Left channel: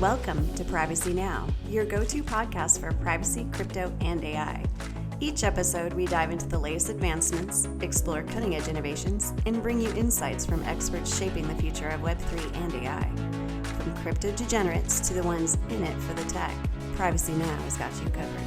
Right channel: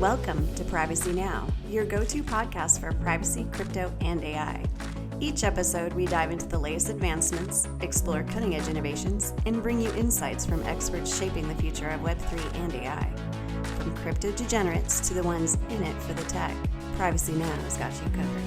Welcome to Privacy Now, your go-to podcast for privacy, crypto, and AI. Each episode, we dive into the latest advancements, explore cutting-edge innovations, and bring you insights from experts shaping the future of Web3 and AI. From crypto degenerates to the ones in it for the tech, Privacy Now has got you covered.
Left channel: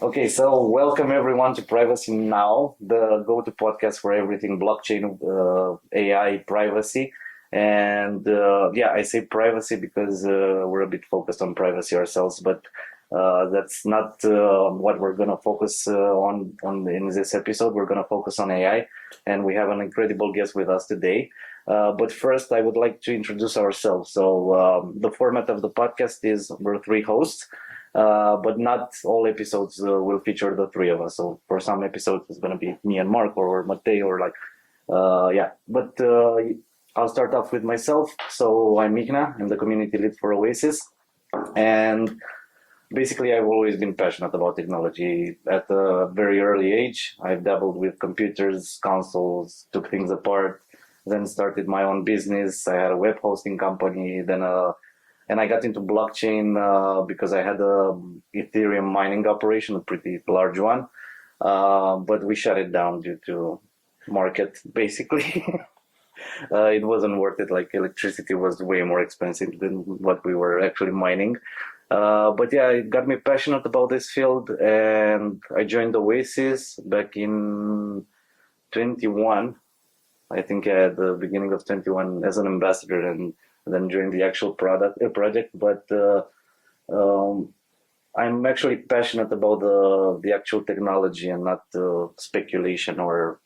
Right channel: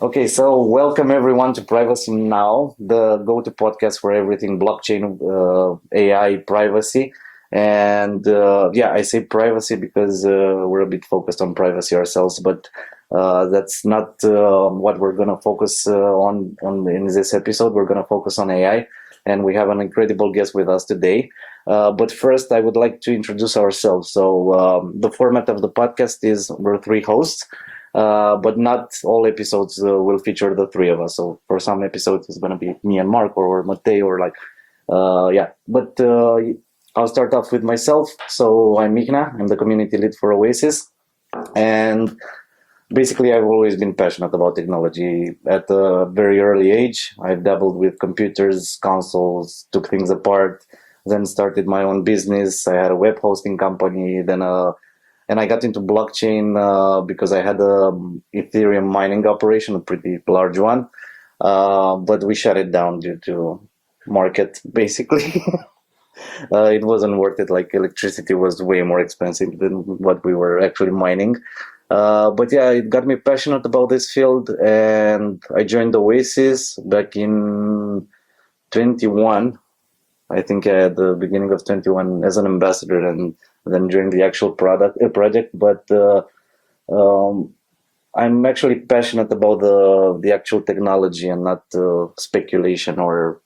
Okay, so welcome everyone to Privacy Now, the go-to podcast for everything blockchain, AI, privacy. And I say privacy because we're a bit focused on privacy ourselves, but that's not what we're going to focus on in this episode. We're going to focus on AI, and we have an incredible guest with us today. But first, I would like to introduce ourselves. So the format of the podcast is we're three hosts. But not all episodes will feature the three of us. So for some episodes, it's going to be me and Marko or Matej or But I'll start off with myself. So I'm Minnea. I'm the community lead for Oasis. And basically, I've always been passionate about technology. At a very early age, I've dabbled with computers, consoles, took things apart, then started my own business. I had a web hosting company, and I got into blockchain because I had a Ethereum mining operation, a pretty large one. But we shut it down due to market, basically. It wasn't worth it. Like electricity was way more expensive than what we were actually mining. But yeah, it got me passionate about this field, and I joined Oasis back in 21. I think at the beginning of 21 as an ambassador, and then during the actual project. But I'm actually passionate about the actual technology and not speculation or,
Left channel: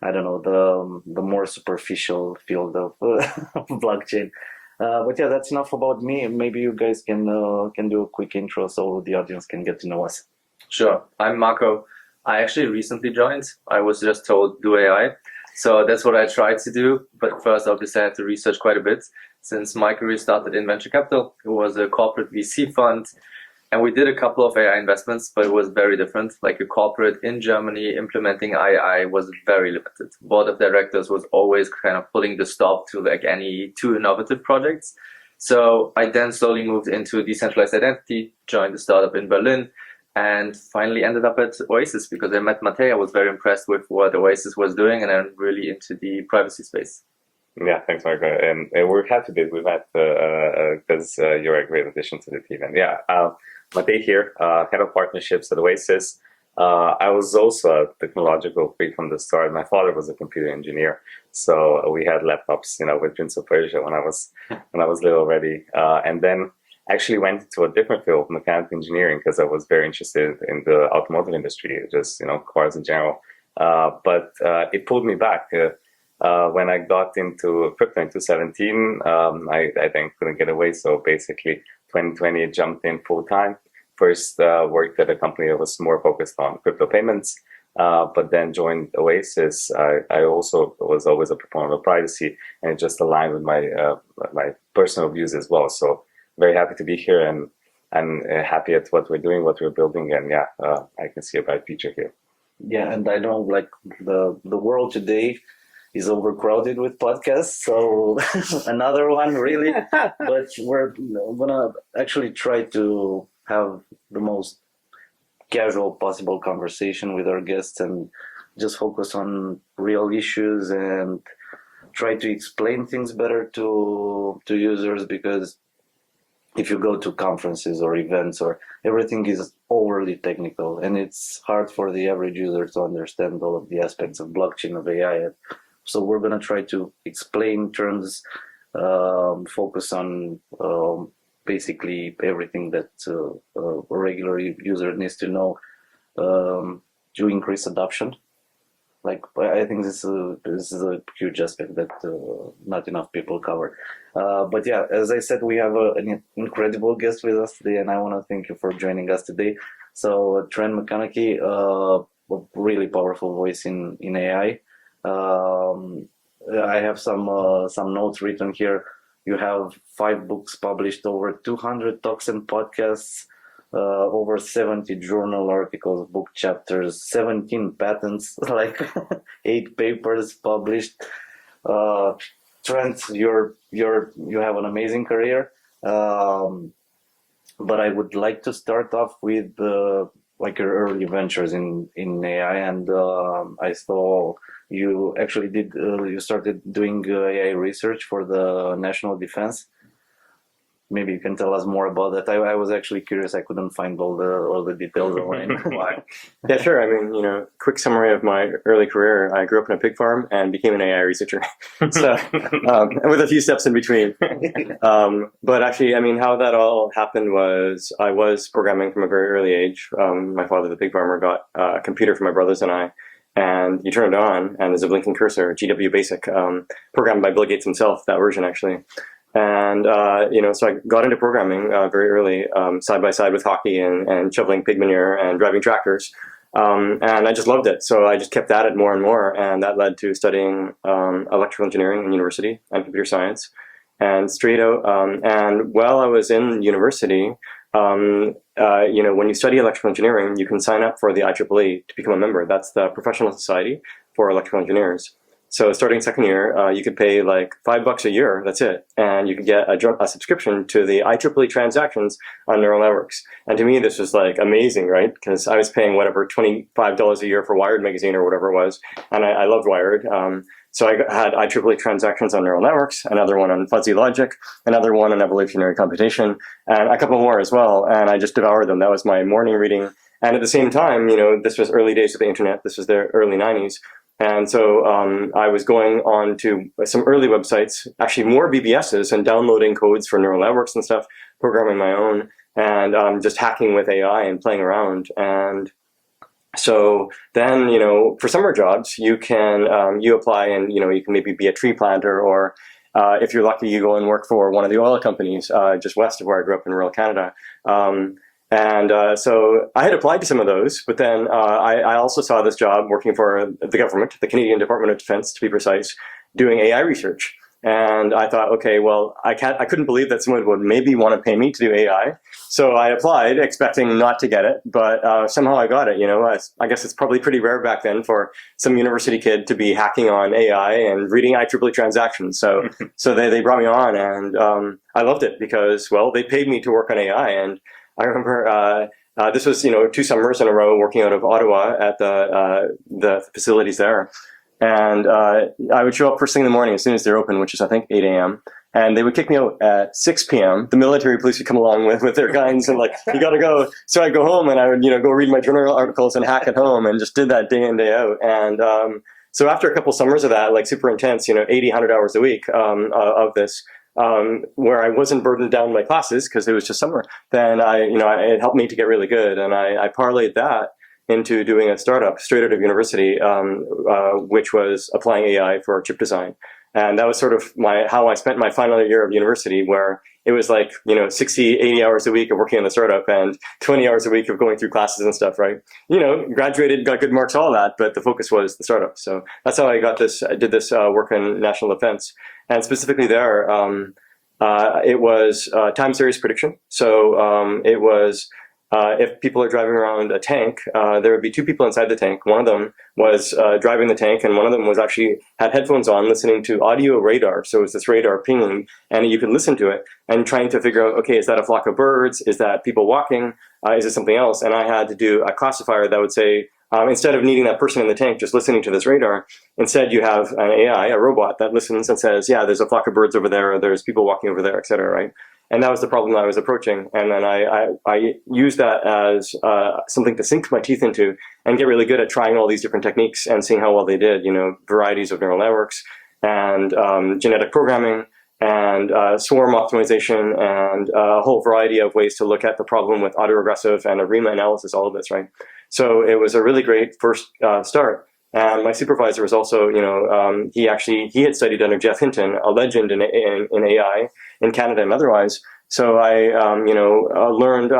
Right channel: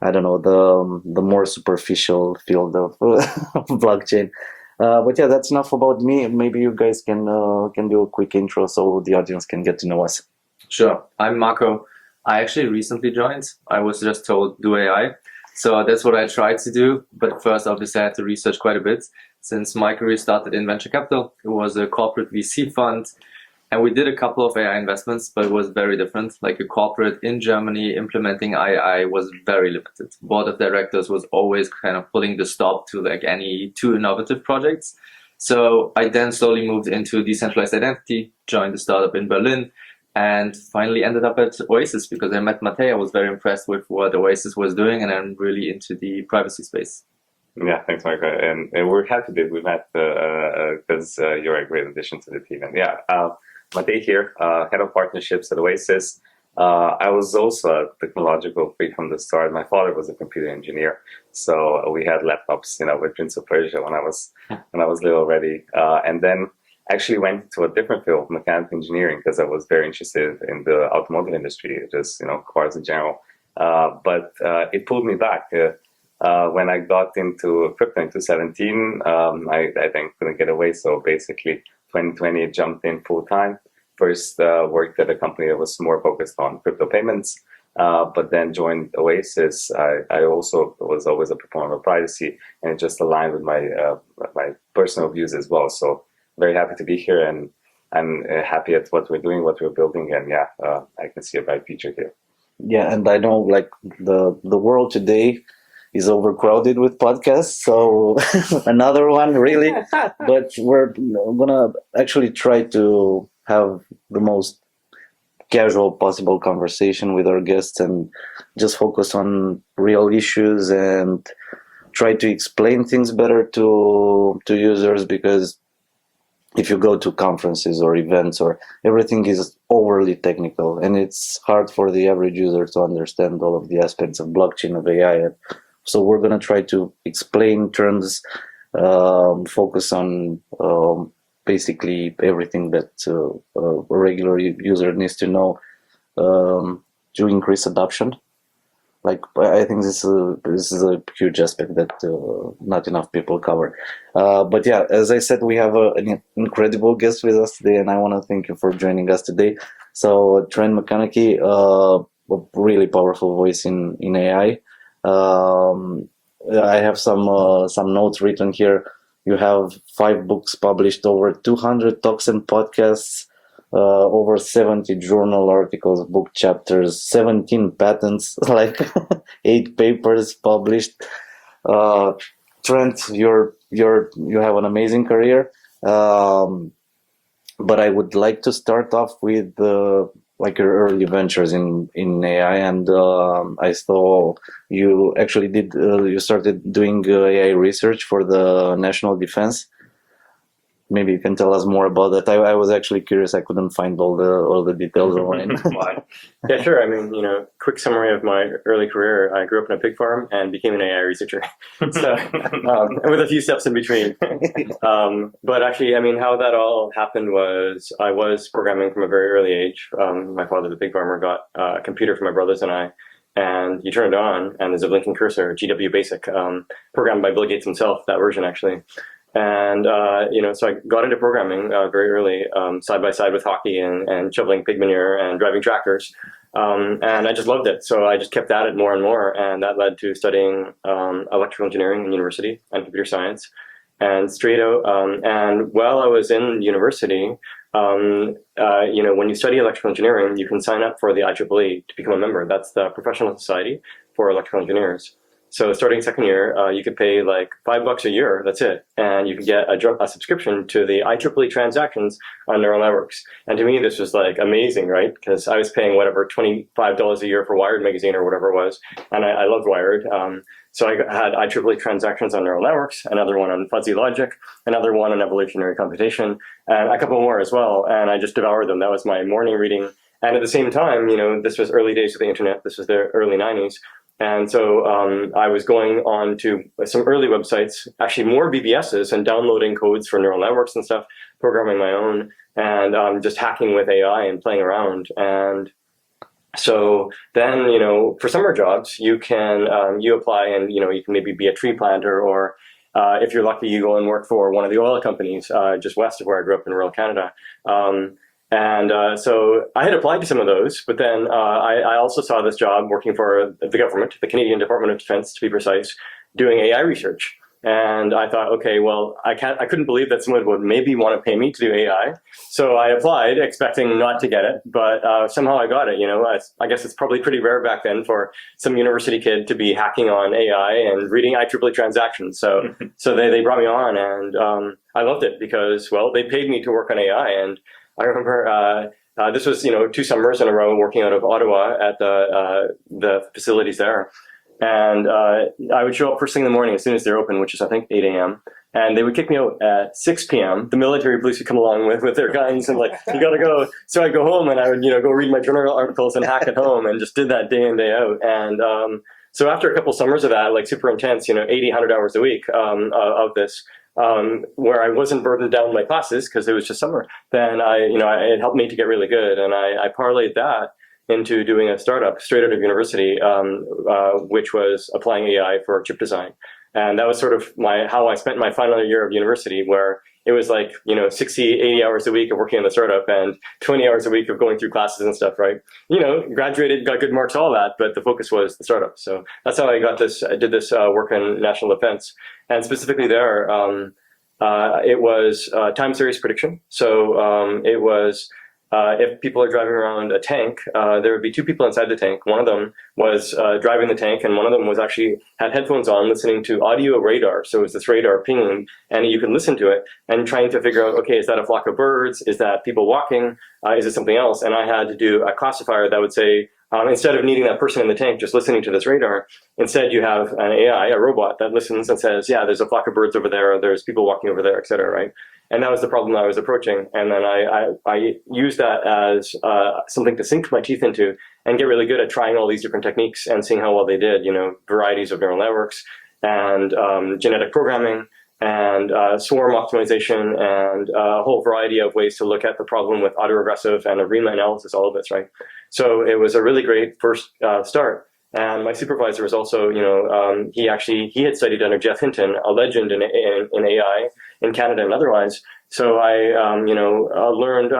I don't know, the more superficial field of blockchain. But yeah, that's enough about me. Maybe you guys can do a quick intro so the audience can get to know us. Sure. I'm Marko. I actually recently joined. I was just told do AI. So that's what I tried to do. But first, obviously, I had to research quite a bit. Since my career started in venture capital, it was a corporate VC fund. And we did a couple of AI investments, but it was very different. Like a corporate in Germany implementing AI was very limited. Board of directors was always kind of pulling the stop to like any too innovative projects. So I then slowly moved into decentralized identity, joined a startup in Berlin, and finally ended up at Oasis because I met Matej. I was very impressed with what Oasis was doing, and I'm really into the privacy space. Yeah, thanks, Marko. And we're happy that we met because you're a great addition to the team. And Matej here, head of partnerships at Oasis. I was also a technological freak from the start. My father was a computer engineer, so we had laptops, with Prince of Persia when I was little already. And then actually went to a different field, mechanical engineering, because I was very interested in the automotive industry, just cars in general. But it pulled me back. When I got into crypto in 2017, I then couldn't get away. So basically, 2020 jumped in full time. First worked at a company that was more focused on crypto payments, but then joined Oasis. I also was always a proponent of privacy, and it just aligned with my personal views as well. So very happy to be here, and I'm happy at what we're doing, what we're building, and I can see a bright future here. Yeah, and I know like the world today is overcrowded with podcasts, so another one really. But we're gonna actually try to have the most casual possible conversation with our guests and just focus on real issues and try to explain things better to users, because if you go to conferences or events, or everything is overly technical, and it's hard for the average user to understand all of the aspects of blockchain, of AI. So we're going to try to explain terms, focus on basically everything that a regular user needs to know to increase adoption. Like, I think this is a huge aspect that not enough people cover. But yeah, as I said, we have an incredible guest with us today, and I want to thank you for joining us today. So Trent McConaghy, a really powerful voice in AI. I have some notes written here. You have 5 books published, over 200 talks and podcasts, over 70 journal articles, book chapters, 17 patents, like 8 papers published, Trent, you have an amazing career, but I would like to start off with like your early ventures in AI, and I saw you actually you started doing AI research for the national defense. Maybe you can tell us more about that. I was actually curious. I couldn't find all the details online. Yeah, sure. I mean, quick summary of my early career. I grew up in a pig farm and became an AI researcher. So, with a few steps in between. But actually, I mean, how that all happened was I was programming from a very early age. My father, the pig farmer, got a computer for my brothers and I, and you turn it on, and there's a blinking cursor, GW Basic, programmed by Bill Gates himself, that version actually. And, so I got into programming very early, side by side with hockey and shoveling pig manure and driving tractors. And I just loved it. So I just kept at it more and more. And that led to studying electrical engineering in university and computer science. And straight out, and while I was in university, when you study electrical engineering, you can sign up for the IEEE to become a member. That's the professional society for electrical engineers. So starting second year, you could pay like $5 a year, that's it. And you could get a subscription to the IEEE transactions on neural networks. And to me, this was like amazing, right? Because I was paying whatever, $25 a year for Wired magazine or whatever it was. And I loved Wired. So I had IEEE transactions on neural networks, another one on fuzzy logic, another one on evolutionary computation, and a couple more as well. And I just devoured them. That was my morning reading. And at the same time, this was early days of the internet. This was the early 90s. And so I was going on to some early websites, actually more BBSs, and downloading codes for neural networks and stuff, programming my own, and just hacking with AI and playing around. And so then, for summer jobs, you can you apply and you can maybe be a tree planter, or if you're lucky, you go and work for one of the oil companies just west of where I grew up in rural Canada. So I had applied to some of those, but then I also saw this job working for the government, the Canadian Department of Defense, to be precise, doing AI research. And I thought, okay, well, I couldn't believe that someone would maybe want to pay me to do AI. So I applied, expecting not to get it, but somehow I got it. I guess it's probably pretty rare back then for some university kid to be hacking on AI and reading IEEE transactions. So they brought me on, and I loved it because, well, they paid me to work on AI. And I remember this was, 2 summers in a row working out of Ottawa at the facilities there. And I would show up first thing in the morning as soon as they're open, which is, I think, 8 a.m. And they would kick me out at 6 p.m. The military police would come along with their guns and like, you got to go. So I'd go home and I would, go read my journal articles and hack at home, and just did that day in, day out. And so after a couple summers of that, like super intense, 80, 100 hours a week of this, where I wasn't burdened down by classes because it was just summer, then it helped me to get really good. And I parlayed that into doing a startup straight out of university, which was applying AI for chip design. And that was sort of how I spent my final year of university, where it was like, 60, 80 hours a week of working on the startup and 20 hours a week of going through classes and stuff, right? Graduated, got good marks, all that, but the focus was the startup. So that's how I did this work in national defense. And specifically there, it was time series prediction. So it was, if people are driving around a tank, there would be 2 people inside the tank. One of them was driving the tank, and one of them was actually had headphones on listening to audio radar. So it was this radar pinging, and you could listen to it and trying to figure out, okay, is that a flock of birds? Is that people walking? Is it something else? And I had to do a classifier that would say, instead of needing that person in the tank just listening to this radar, instead you have an AI, a robot, that listens and says, yeah, there's a flock of birds over there, there's people walking over there, et cetera, right? And that was the problem that I was approaching. And then I used that as something to sink my teeth into and get really good at trying all these different techniques and seeing how well they did, varieties of neural networks and genetic programming and swarm optimization and a whole variety of ways to look at the problem with autoregressive and ARIMA analysis, all of this, right? So it was a really great first start. And my supervisor was also, he had studied under Jeff Hinton, a legend in AI in Canada and otherwise. So I, learned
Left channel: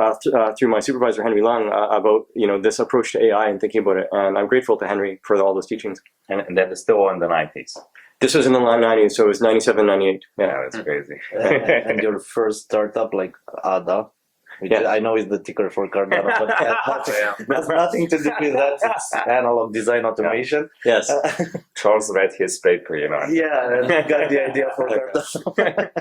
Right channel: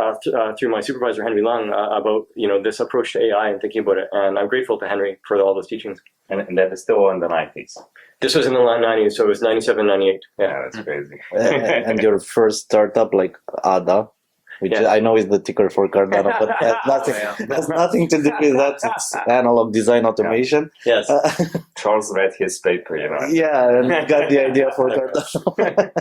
through my supervisor, Henry Lung, about, this approach to AI and thinking about it. And I'm grateful to Henry for all those teachings. And that is still in the 90s. This was in the 90s, so it was 97, 98. Yeah, that's crazy. And your first startup, like ADA? which I know is the ticker for Cardano, but has nothing to do with that. It's analog design automation. Yes. Charles read his paper, Yeah, and got the idea for Cardano.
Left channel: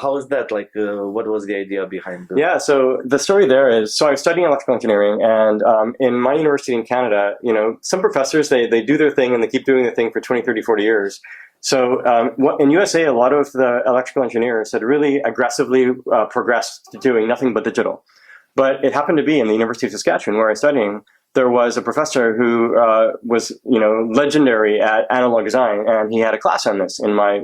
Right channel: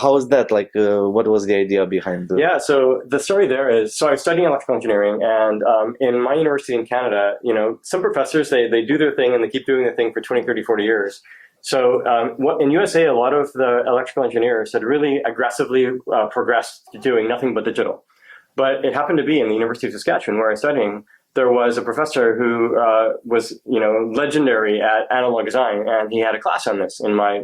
How is that? Like, what was the idea behind it? Yeah, so the story there is, so I was studying electrical engineering, and in my university in Canada, some professors, they do their thing and they keep doing their thing for 20, 30, 40 years. So in USA, a lot of the electrical engineers had really aggressively progressed to doing nothing but digital. But it happened to be in the University of Saskatchewan, where I was studying, there was a professor who was, legendary at analog design, and he had a class on this in my,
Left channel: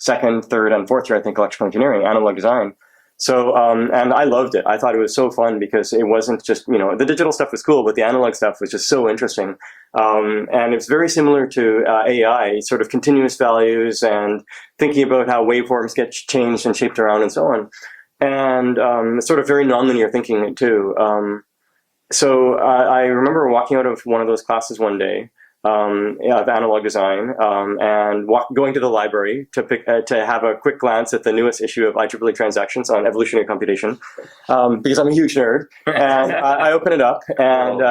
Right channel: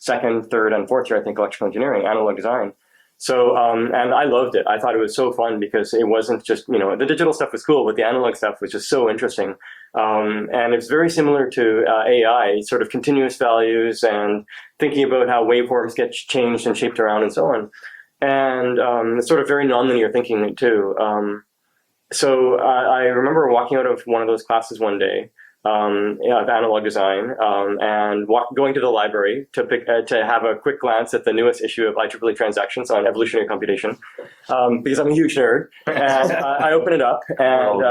second, third, and fourth year, I think, electrical engineering, analog design. So, and I loved it. I thought it was so fun because it wasn't just, the digital stuff was cool, but the analog stuff was just so interesting. And it's very similar to AI, sort of continuous values and thinking about how waveforms get changed and shaped around and so on. And sort of very nonlinear thinking too. So I remember walking out of one of those classes one day of analog design and going to the library to have a quick glance at the newest issue of IEEE Transactions on evolutionary computation because I'm a huge nerd. And I open it up and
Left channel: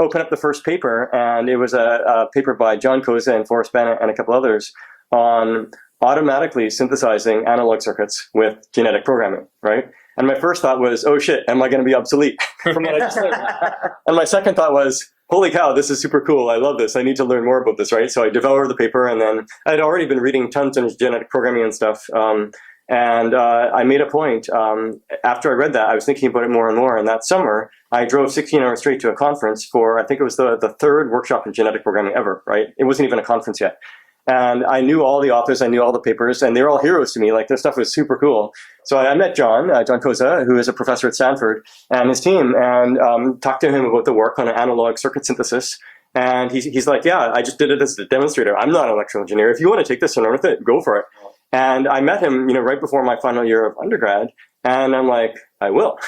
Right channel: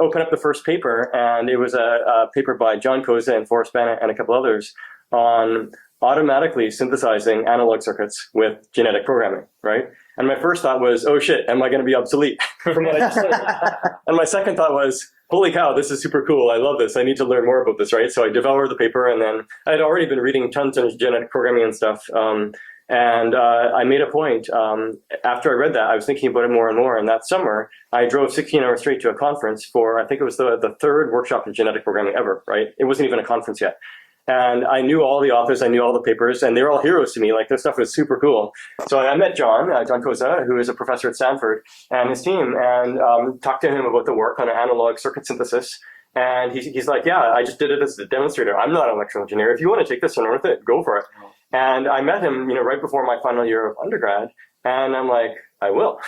open up the first paper, and it was a paper by John Koza and Forrest Bennett and a couple others on automatically synthesizing analog circuits with genetic programming, right? And my first thought was, oh shit, am I going to be obsolete from what I just learned? And my second thought was, holy cow, this is super cool. I love this. I need to learn more about this, right? So I devoured the paper, and then I'd already been reading tons of genetic programming and stuff. And I made a point, after I read that, I was thinking about it more and more. And that summer, I drove 16 hours straight to a conference for, I think it was the third workshop in genetic programming ever, right? It wasn't even a conference yet. And I knew all the authors, I knew all the papers, and they were all heroes to me. Like, their stuff was super cool. So I met John Koza, who is a professor at Stanford, and his team, and talked to him about the work on analog circuit synthesis. And he's like, yeah, I just did it as a demonstrator. I'm not an electrical engineer. If you want to take this and run with it, go for it. And I met him, right before my final year of undergrad, and I'm like, I will.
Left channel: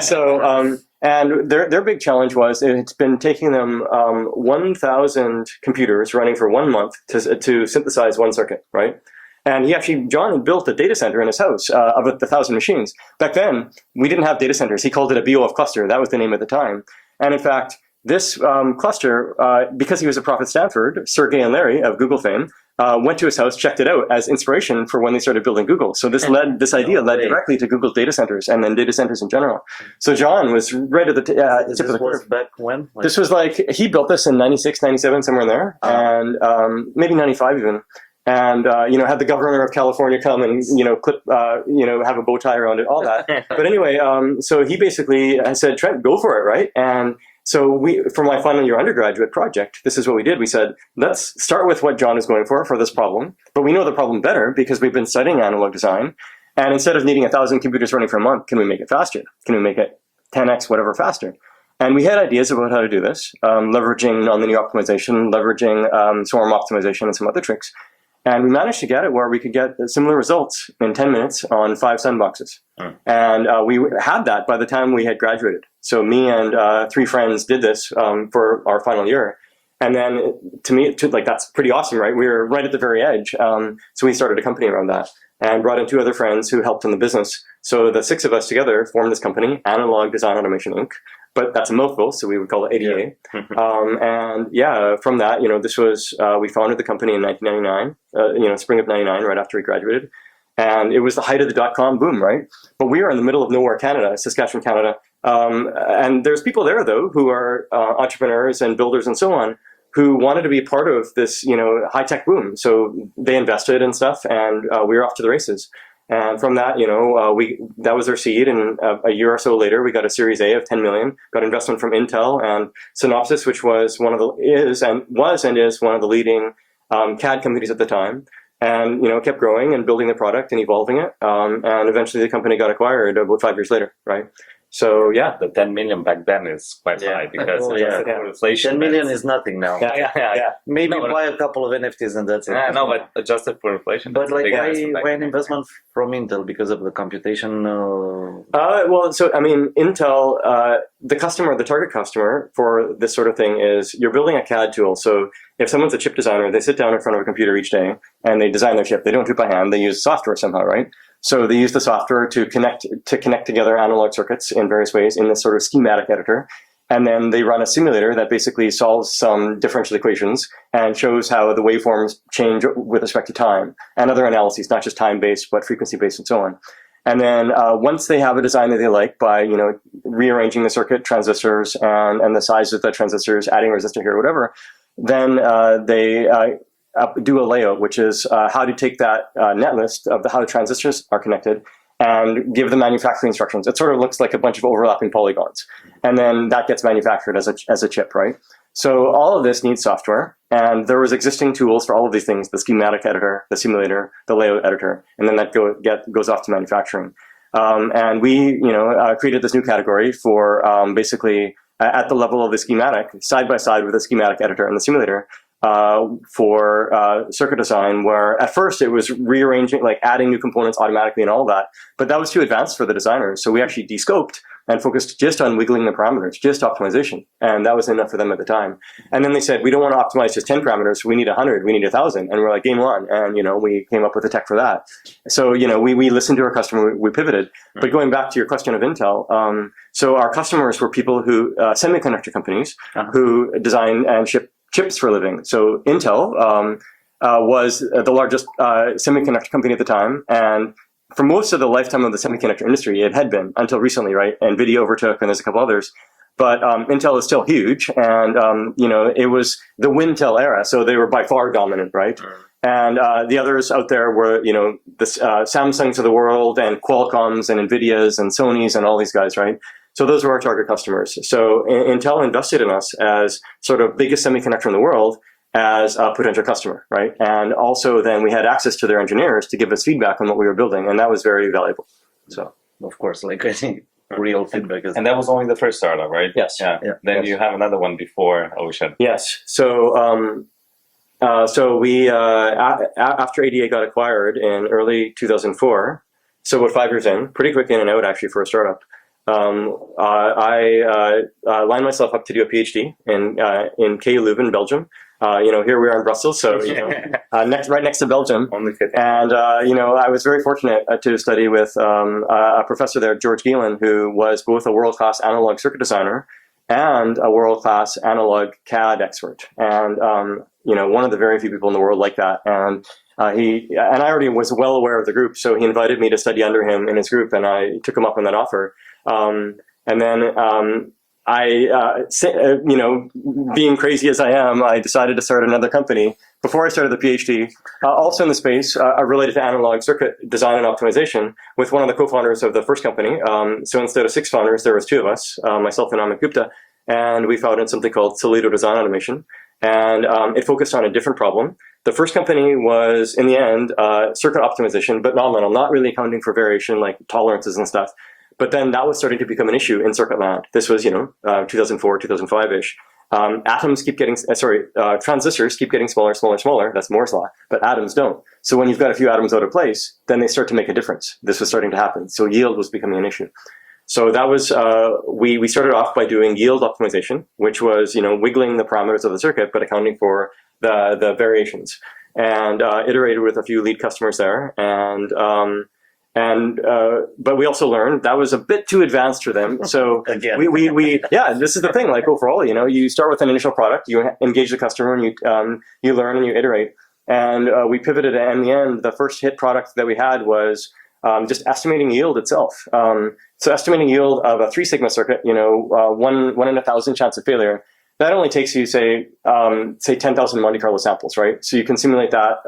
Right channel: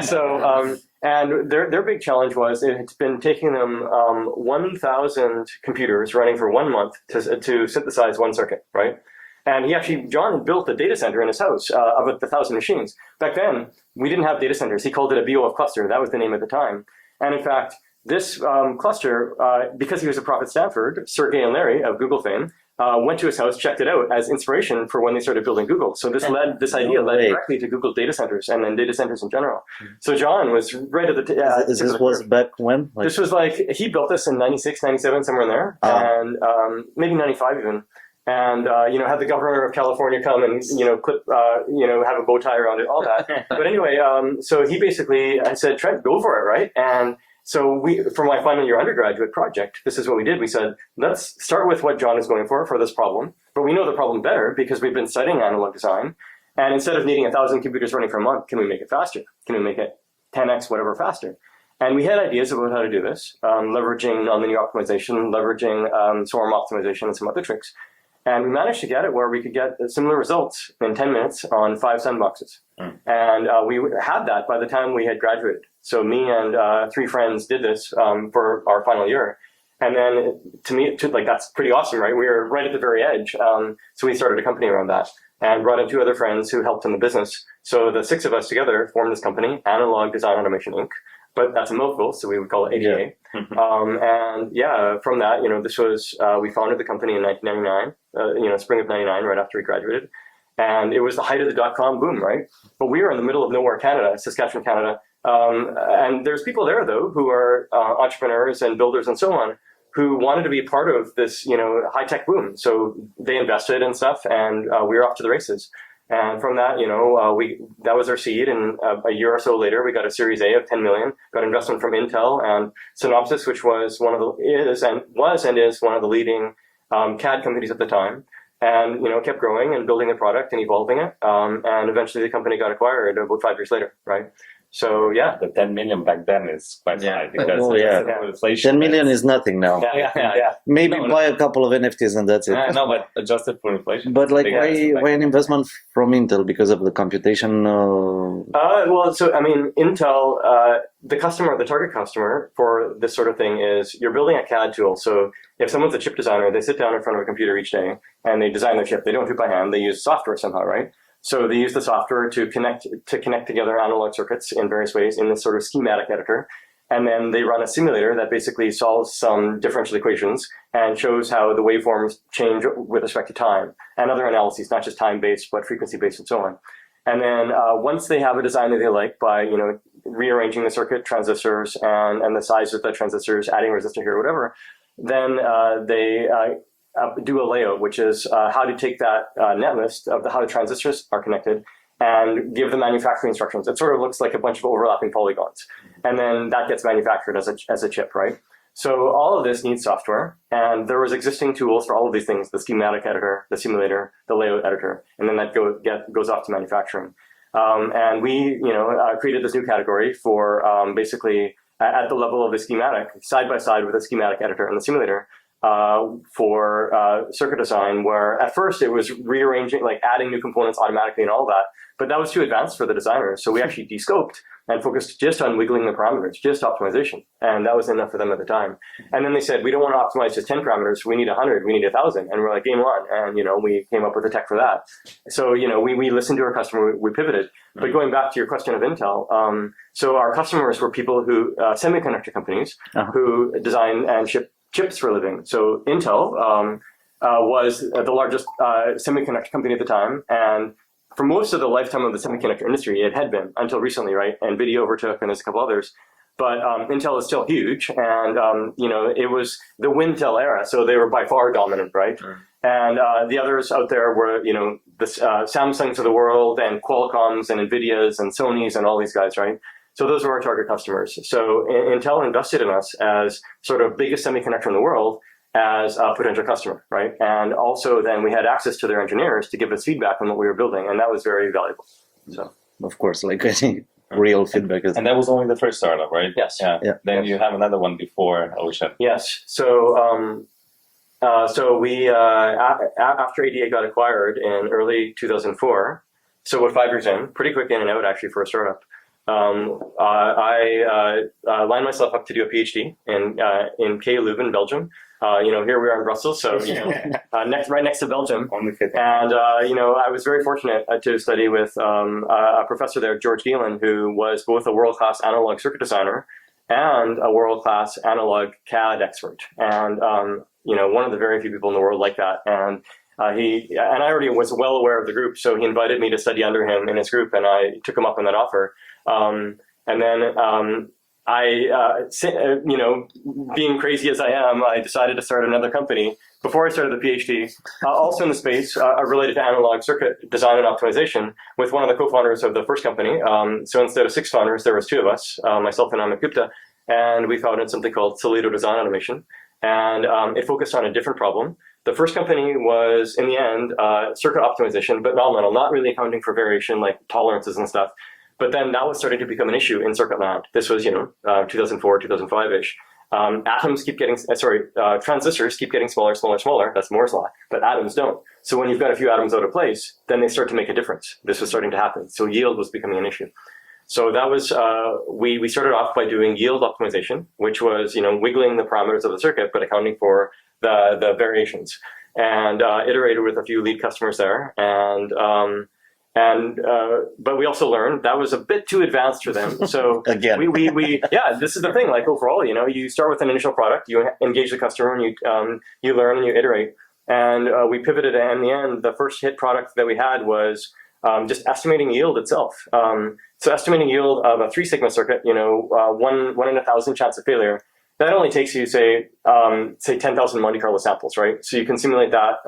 So, and their big challenge was it's been taking them 1,000 computers running for 1 month to synthesize one circuit, right? And John had built a data center in his house of 1,000 machines. Back then, we didn't have data centers. He called it a BOF cluster. That was the name at the time. And in fact, this cluster, because he was a prof at Stanford, Sergey and Larry of Google fame, went to his house, checked it out as inspiration for when they started building Google. So this idea led directly to Google data centers and then data centers in general. So John was right at the this was back when? This was like, he built this in 96, 97, somewhere in there, and maybe 95 even. And had the governor of California come and clip have a bow tie around it, all that. But anyway, so he basically said, Trent, go for it, right? And so for my final year undergraduate project, this is what we did. We said, let's start with what John is going for this problem. But we know the problem better because we've been studying analog design. And instead of needing 1,000 computers running for a month, can we make it faster? Can we make it 10x, whatever, faster? And we had ideas about how to do this, leveraging nonlinear optimization, leveraging swarm optimization, and some other tricks. And we managed to get it where we could get similar results in 10 minutes on 5 sandboxes. And we had that by the time we had graduated. So me and 3 friends did this for our final year. And then to me, that's pretty awesome, right? We were right at the very edge. So we started a company around that and brought in 2 other friends who helped in the business. So the 6 of us together formed this company, Analog Design Automation Inc. But that's a mouthful, so we would call it AGI. And from that, this was, we founded the company in 1999, spring of 99, right after we graduated. And it was the height of the .com boom, right? But we were in the middle of nowhere, Canada, Saskatchewan, Canada. And there's people there, though, who are entrepreneurs and builders and so on, who wanted to be part of this, high-tech boom. So they invested and stuff, and we were off to the races. And from that, that was our seed. And a year or so later, we got a Series A of 10 million, got investment from Intel and Synopsys, which was one of the is one of the leading CAD companies at the time. And kept growing and building the product and evolving it. And eventually, the company got acquired about 5 years later, right? So yeah, the 10 million back then is quite high because inflation. 10 million is nothing now. Maybe buy a couple of NFTs and that's it. No, but adjusted for inflation. But why an investment from Intel because of the computation? Intel, the target customer for this sort of thing is you're building a CAD tool. So if someone's a chip designer, they sit down in front of a computer each day and they design their chip. They don't do it by hand. They use software somehow, right? So they use the software to connect together analog circuits in various ways in this sort of schematic editor. And then they run a simulator that basically solves some differential equations and shows how the waveforms change with respect to time and other analyses, not just time-based, but frequency-based and so on. And then once they have a design that they like by, rearranging the circuit, transistors, and the size of the transistors, adding a resistor here, whatever, then they do a layout, which is how to take that net list of how the transistors are connected and give the manufacturing instructions. It sort of looks like a bunch of overlapping polygons. And then that gets manufactured as a chip, right? So all of this needs software, and there was existing tools for all of these things: the schematic editor, the simulator, the layout editor, and then that goes off to manufacturing. And we, created this new category for basically at the level of the schematic, side by side with the schematic editor and the simulator, for circuit design, where at first it was rearranging, like adding new components automatically and all that, but that was too advanced for the designers. So we actually descoped and focused just on wiggling the parameters, just optimization. And that was enough for them at the time. And then they said, we don't want to optimize just 10 parameters. We need 100, we need 1,000. And we're like, game on. And, we came up with the tech for that. So, we listened to our customer, we pivoted. But going back to your question of Intel, so our customers were people who, semiconductor companies who design and ship chips for a living. So Intel was the largest semiconductor company at the time, and for most of the lifetime of the semiconductor industry, it had been until recently, right? NVIDIA overtook, and there's a couple others. But Intel is still huge, and it was the Wintel era, so they were by far dominant, right? And the others out there were, the Samsungs of the world, and Qualcomms, and NVIDIAs, and Sonys, and all these guys, right? So those were our target customers. So Intel invested in us as sort of biggest semiconductor in the world as a potential customer, right? And also then we had access to their engineers to give us feedback on what we were building, and that was very valuable. So of course, like I think real feedback is. And that was only the first startup, right? Yes. Yeah. Then you have another one before Ocean. Yes. So we after ADA got acquired in early 2004, so we're 5 years in, pretty quick in and out actually for a startup. I lined myself up to do a PhD in K Leuven, Belgium. Here we are in Brussels, so right next to Belgium. And I was very fortunate to study with a professor there, George Gielen, who was both a world-class analog circuit designer and a world-class analog CAD expert, and one of the very few people in the world like that. And I already was well aware of the group, so he invited me to study under him in his group, and I took him up on that offer. And then being crazy as I am, I decided to start another company before I started the PhD, also in the space related to analog circuit design and optimization, with one of the co-founders of the first company. So instead of 6 founders, there was 2 of us, myself and Amit Gupta, and we founded something called Toledo Design Automation. And it focused on a different problem. The first company was, in the end, circuit optimization, but nominal, not really accounting for variation like tolerances and stuff. But then that was starting to become an issue in circuit land. This was, 2004, 2005-ish. Transistors keep getting smaller, smaller, smaller. That's Moore's law, but atoms don't. So when you've got a few atoms out of place, then they start to make a difference. This was starting to happen. So yield was becoming an issue. So that was, we started off by doing yield optimization, which was, wiggling the parameters of the circuit, but accounting for the variations. And iterated with a few lead customers there. But we also learned that was a bit too advanced for them. So Again. This is the thing. Like overall, you start with an initial product, you engage the customer, and you learn and you iterate. And we pivoted, and in the end, the first hit product that we had was just estimating yield itself. So estimating yield of a 3 sigma circuit, 1 in 1,000 chance of failure. That only takes you, say 10,000 Monte Carlo samples, right? So you can simulate that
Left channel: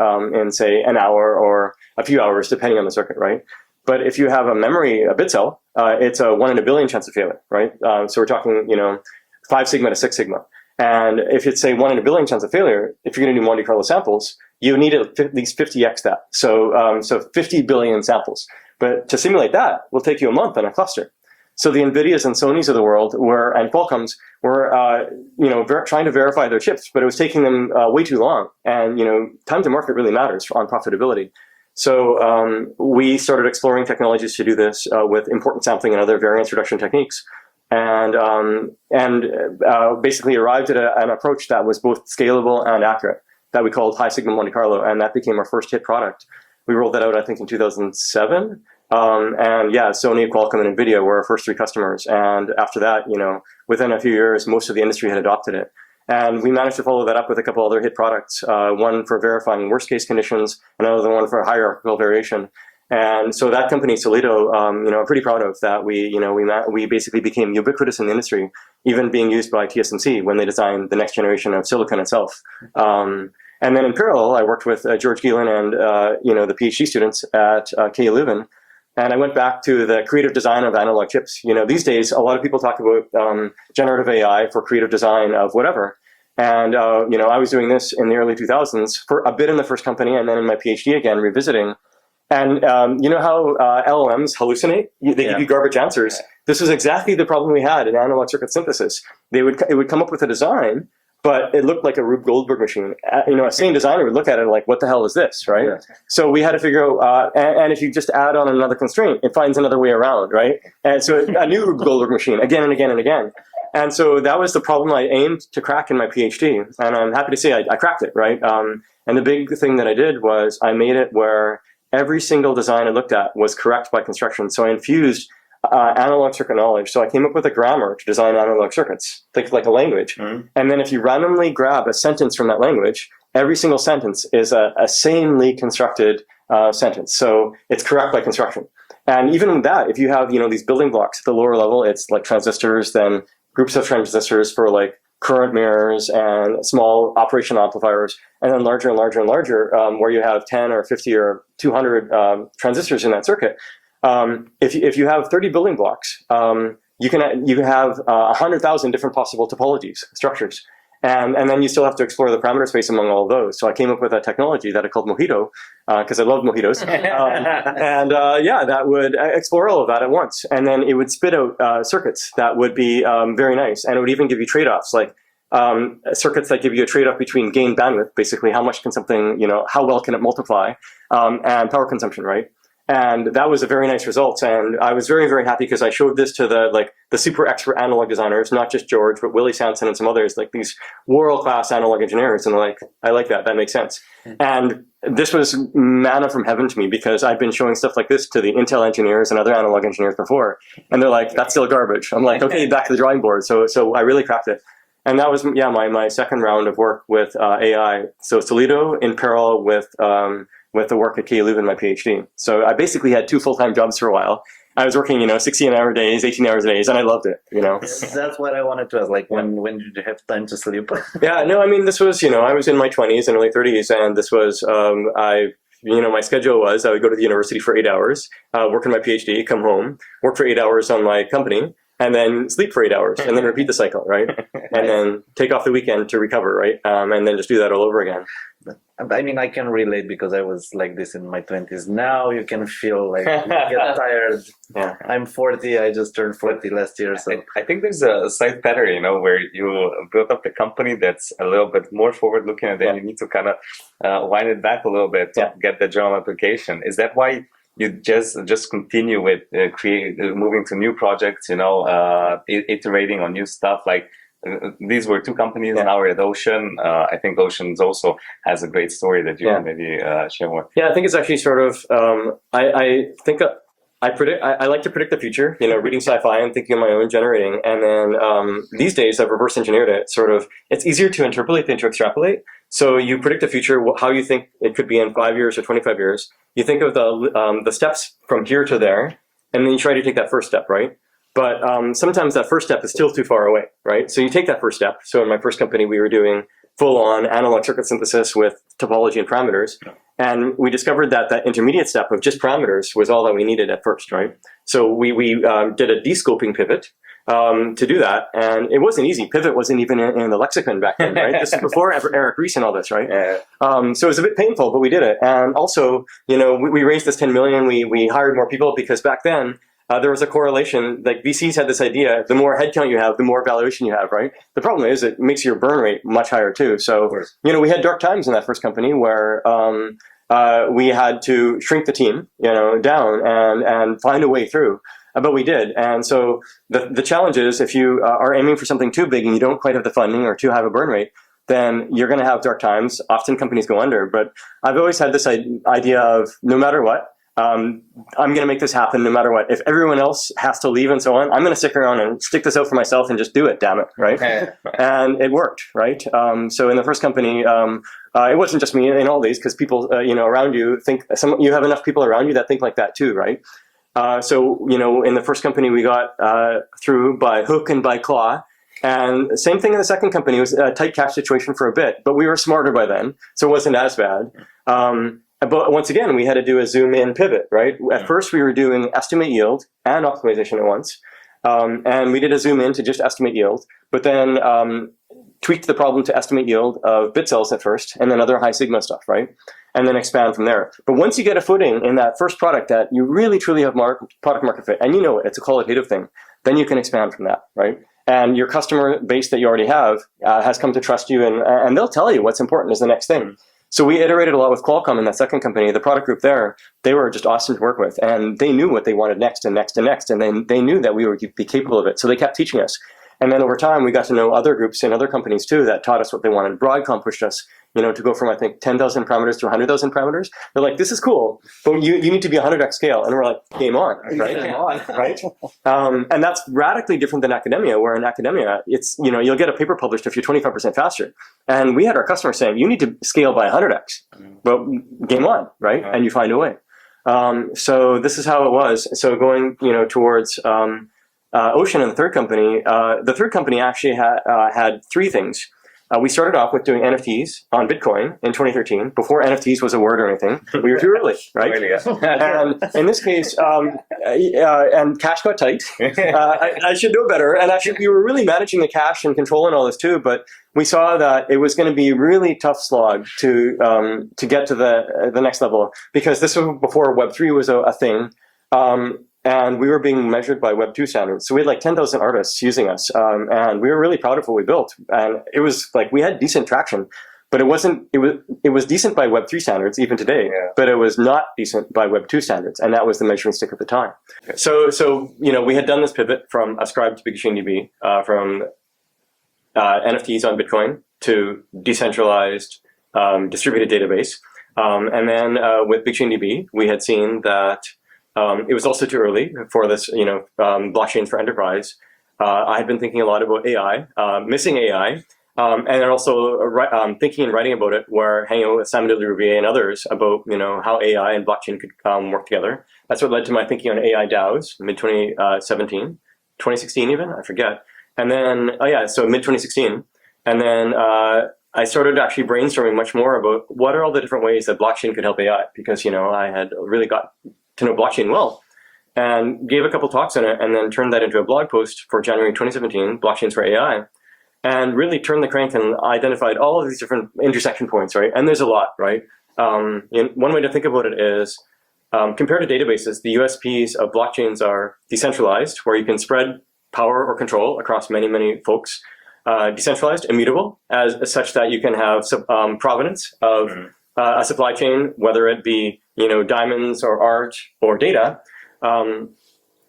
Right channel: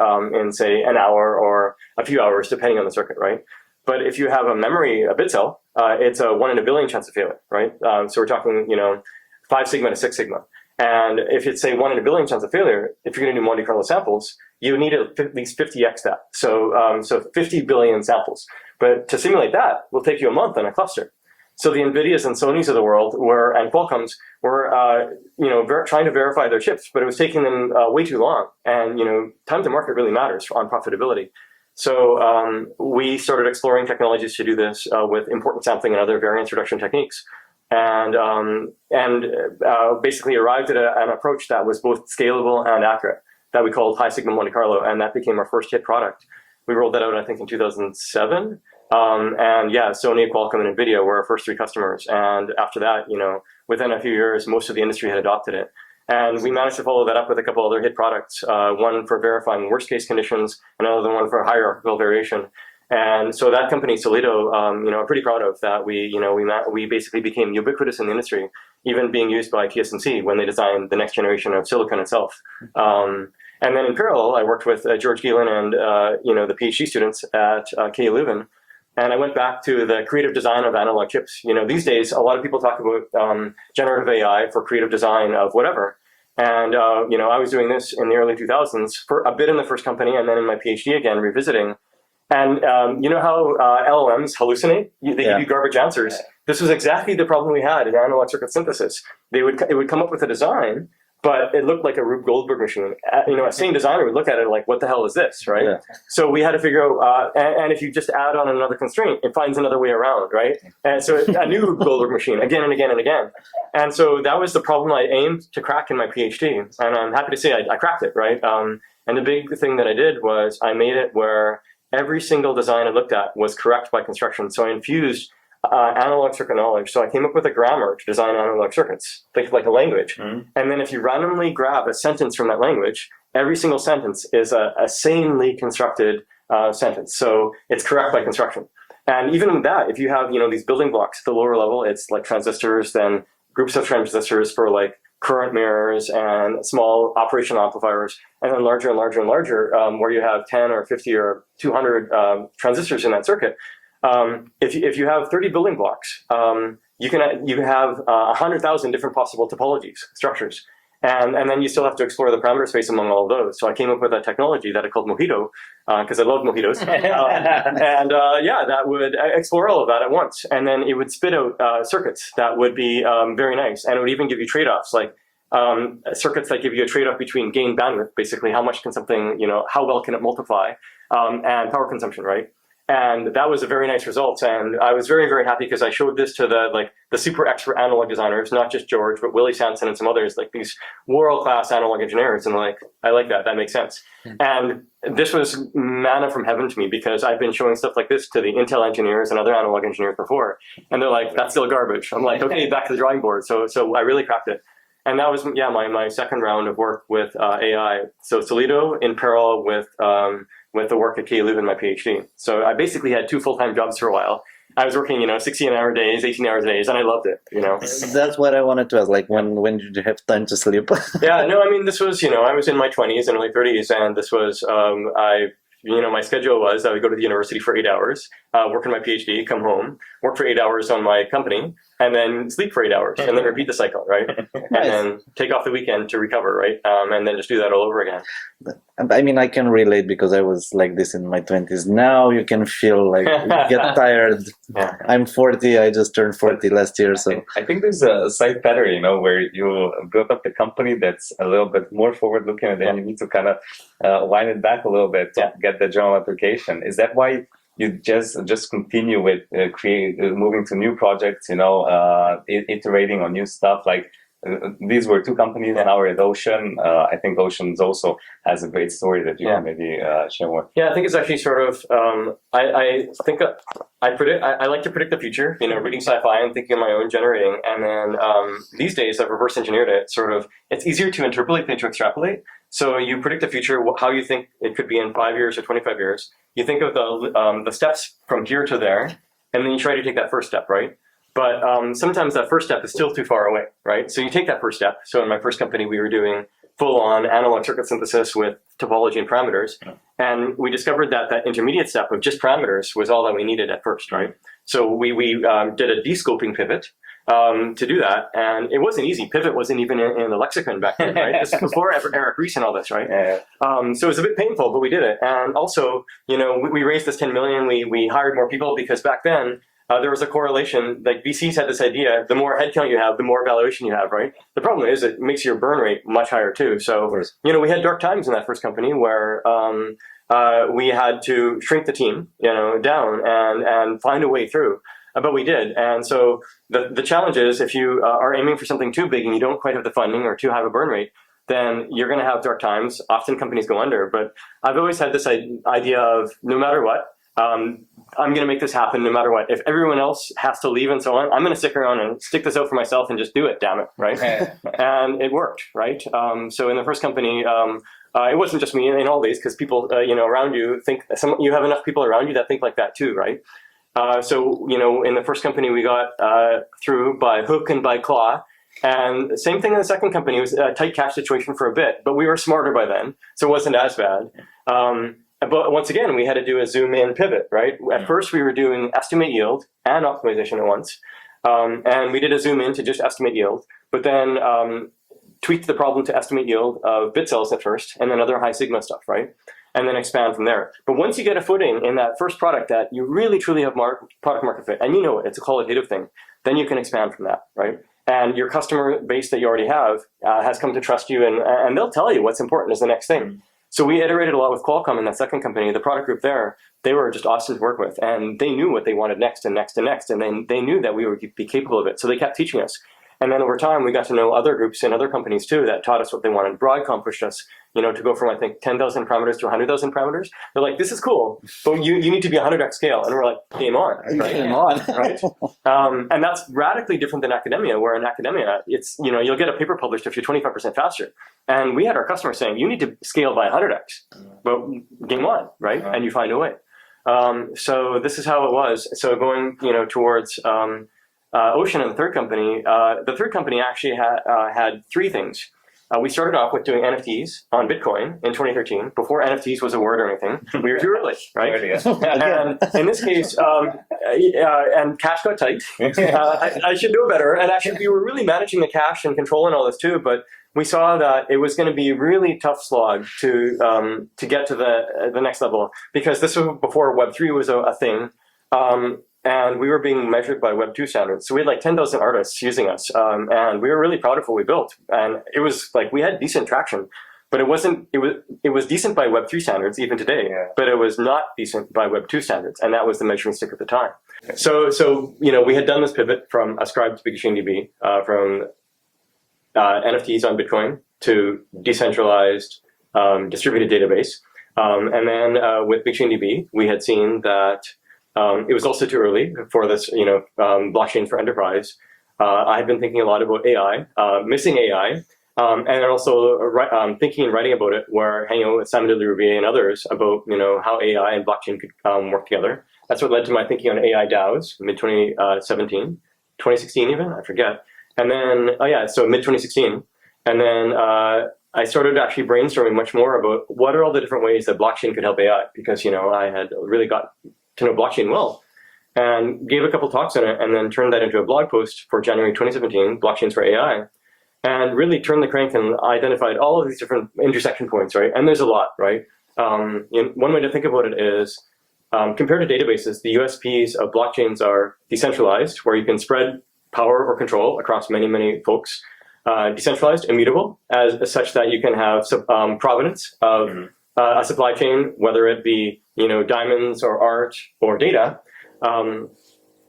in, say, an hour or a few hours, depending on the circuit, right? But if you have a bit cell, it's a 1 in a billion chance of failure, right? So we're talking, 5 sigma to 6 sigma. And if it's, say, 1 in a billion chance of failure, if you're going to do Monte Carlo samples, you need at least 50x that. So 50 billion samples. But to simulate that will take you a month on a cluster. So the NVIDIAs and Sonys of the world and Qualcomms were, trying to verify their chips, but it was taking them way too long. And, time to market really matters on profitability. So we started exploring technologies to do this with importance sampling and other variance reduction techniques. And basically arrived at an approach that was both scalable and accurate, that we called high sigma Monte Carlo, and that became our first hit product. We rolled that out, I think, in 2007. And yeah, Sony, Qualcomm, and NVIDIA were our first 3 customers. And after that, within a few years, most of the industry had adopted it. And we managed to follow that up with a couple other hit products, one for verifying worst case conditions, and another one for hierarchical variation. And so that company, Solido, I'm pretty proud of that. We basically became ubiquitous in the industry, even being used by TSMC when they designed the next generation of silicon itself. And then in parallel, I worked with George Geelan and the PhD students at KU Leuven. And I went back to the creative design of analog chips. These days, a lot of people talk about generative AI for creative design of whatever. And, I was doing this in the early 2000s for a bit in the first company and then in my PhD again, revisiting. And you know how LLMs hallucinate? They give you garbage answers. This is exactly the problem we had in analog circuit synthesis. It would come up with a design, but it looked like a Rube Goldberg machine. A sane designer would look at it like, what the hell is this, right? Yeah. So we had to figure out, and if you just add on another constraint, it finds another way around, right? And so a new Rube Goldberg machine, again and again and again. And so that was the problem I aimed to crack in my PhD. And I'm happy to say I cracked it, right? And the big thing that I did was I made it where every single design I looked at was correct by construction. So I infused analog circuit knowledge. So I came up with a grammar to design analog circuits, think like a language. And then if you randomly grab a sentence from that language, every single sentence is a sanely constructed sentence. So it's correct by construction. And even with that, if you have these building blocks at the lower level, it's like transistors, then groups of transistors for like current mirrors and small operational amplifiers, and then larger and larger and larger, where you have 10 or 50 or 200 transistors in that circuit. If you have 30 building blocks, you can have 100,000 different possible topologies, structures. And then you still have to explore the parameter space among all of those. So I came up with a technology that I called Mojito, because I love mojitos. That would explore all of that at once. And then it would spit out circuits that would be very nice. And it would even give you trade-offs, like circuits that give you a trade-off between gain bandwidth, basically how much can something, how well can it multiply, and power consumption, right? And that was a very nice result. And I was very, very happy because I showed this to the super expert analog designers, not just George, but Willie Sanson and some others, like these world-class analog engineers. And like, I like that. That makes sense. And this was manna from heaven to me because I've been showing stuff like this to the Intel engineers and other analog engineers before. And they're like, that's still garbage. I'm like, okay, back to the drawing board. So I really cracked it. And that was, my second round of work with AI. So Solido in parallel with the work at KU Leuven, my PhD. So I basically had 2 full-time jobs for a while. I was working, 16-hour days, 18-hour days, and I loved it, That's what I wanted to ask, like, when did you have time to sleep? This was, I was in my 20s and early 30s, and this was, my schedule was I would go to the university for 8 hours, work on my PhD, come home, work for 8 hours on my company, and then sleep for 8 hours, and then repeat the cycle, right? And then take off the weekend to recover, right? And then just do that all over again. I can relate because I was like this in my 20s. Now you can feel like you get tired. Yeah. I'm 40. I just turned 40 last year. So I think there's a side pattern, where you build up a company that's a little bit more forward-looking, and then you need to kind of wind it back a little bit to get the general application. Is that why you just continue with moving to new projects, iterating on new stuff? Like these were 2 companies, now we're at Ocean. I think Ocean's also has a great story that you can maybe share more. Yeah, I think it's actually sort of, I think I like to predict the future, reading sci-fi and thinking of my own generating. And then these days I've reverse engineered it, it's easier to interpolate than to extrapolate. So you predict the future, how you think it could be in 5 years or 25 years. You think of the steps from here to there, and then you try to take that first step, right? But sometimes that first step is still too far away, right? So you take that first step. So in my first company, we were doing full-on analog circuit synthesis with topology and parameters. And we discovered that intermediate step of just parameters was all that we needed at first, right? So we did a descoping pivot to do that. And it wasn't easy. Pivot wasn't even in the lexicon back then, right? This is before Eric Ries and all this, right? So it was a bit painful, but we did it. And also, we raised this 10 million. We hired more people because back then, there was a correlation, like VCs had this idea, the more headcount you have, the more valuation you have, right? The problem is it makes your burn rate much higher too. So, we had dark times in that first company where we had to shrink the team, down and find a way through. But we did. And so the challenge is if you are aiming for something too big and you don't quite have the funding or too high a burn rate, then you're going to have dark times. Often companies go under. But I've always had this idea of no matter what, I'm going to make this happen no matter what. If everyone else has to leave and so on, I'm going to stick around and stick this out for myself and just do it, damn it, right? And it worked, right? So in the first company, it wasn't just me in all these, because people, around you think, you have enough people around you that think like that too, right? So, in the first company, we got through by hook and by claw. And same thing in the second company. It was a tight cash situation for a bit, but we were smarter by then, so it wasn't as bad. But once again, we had to do a zoom in pivot, right? At first, we were doing estimate yield and optimization at once. And we did a zoom in to just estimate yield, but then tweaked the problem to estimate yield of bit cells at first, and then other high sigma stuff, right? And then expand from there. But once you get a footing in that first product that you really truly have product market fit, and it's a qualitative thing, then you can expand from that, right? And your customer base that you already have has come to trust you, and they'll tell you what's important is the next thing. So we iterated a lot with Qualcomm in that second company. The product group there, they were just awesome to work with, and they knew what they wanted next and next and next, and then they knew that we would be capable of it. So they kept teaching us. And then over time, we got to know other groups and other companies too that taught us what they wanted. Broadcom pushed us, to go from, I think, 10,000 parameters to 100,000 parameters. They're like, this is cool, but you need to be 100x scale. And we're like, game on, right? Game on, right? And that's radically different than academia, where in academia, it's, you'll get a paper published if you're 25% faster. And we had our customers saying, you need to scale by 100x. Well, game on, right? Yeah. And you find a way. So this is how it was. So going, towards Ocean and the third company actually had three things. We started off with doing NFTs on Bitcoin in 2013, before NFTs was a word or anything. We were too early, right? And in this case, and cash got tight. I should know better. And actually, we were really managing the cash and controlling all this too. But we saw that it was going to be a really tough slog to get to the next level, because this was before Web3 was a thing. And we were being measured by Web 2 standards. So we had like 10,000 artists using us. And we were really proud of what we built. And it was like, we had decent traction, but it was decent by Web 3 standards even today, but it was not decent by Web 2 standards. And that was the measuring stick at the time. So we had done this pivot from Ascribe to BigMachineDB, from NFTs on Bitcoin to decentralized distributed database. And then with BigMachineDB, we had seen that it was also too early for this, blockchains for enterprise. I had been thinking a lot about AI, missing AI, and then also thinking and writing about it, where hanging out with Simon Rouvier and others about, how AI and blockchain could work together. That's what led to my thinking on AI DAOs, mid-2017, 2016 even, I forget. And then, so mid-2016. And then I started actually brainstorming much more about what are all the different ways that blockchain could help AI, because, I had really got to know blockchain well, and gave a couple talks on it, and then turned that into a blog post for January 2017, Blockchains for AI, and really turned the crank and identified all of these different intersection points, right? And there's a lot, right? One way to think about it is, compared to databases, the USPs of blockchains are decentralized, where you can spread power or control across many, many folks. Decentralized, immutable, as such that you can have provenance of a supply chain, whether it be diamonds or art or data.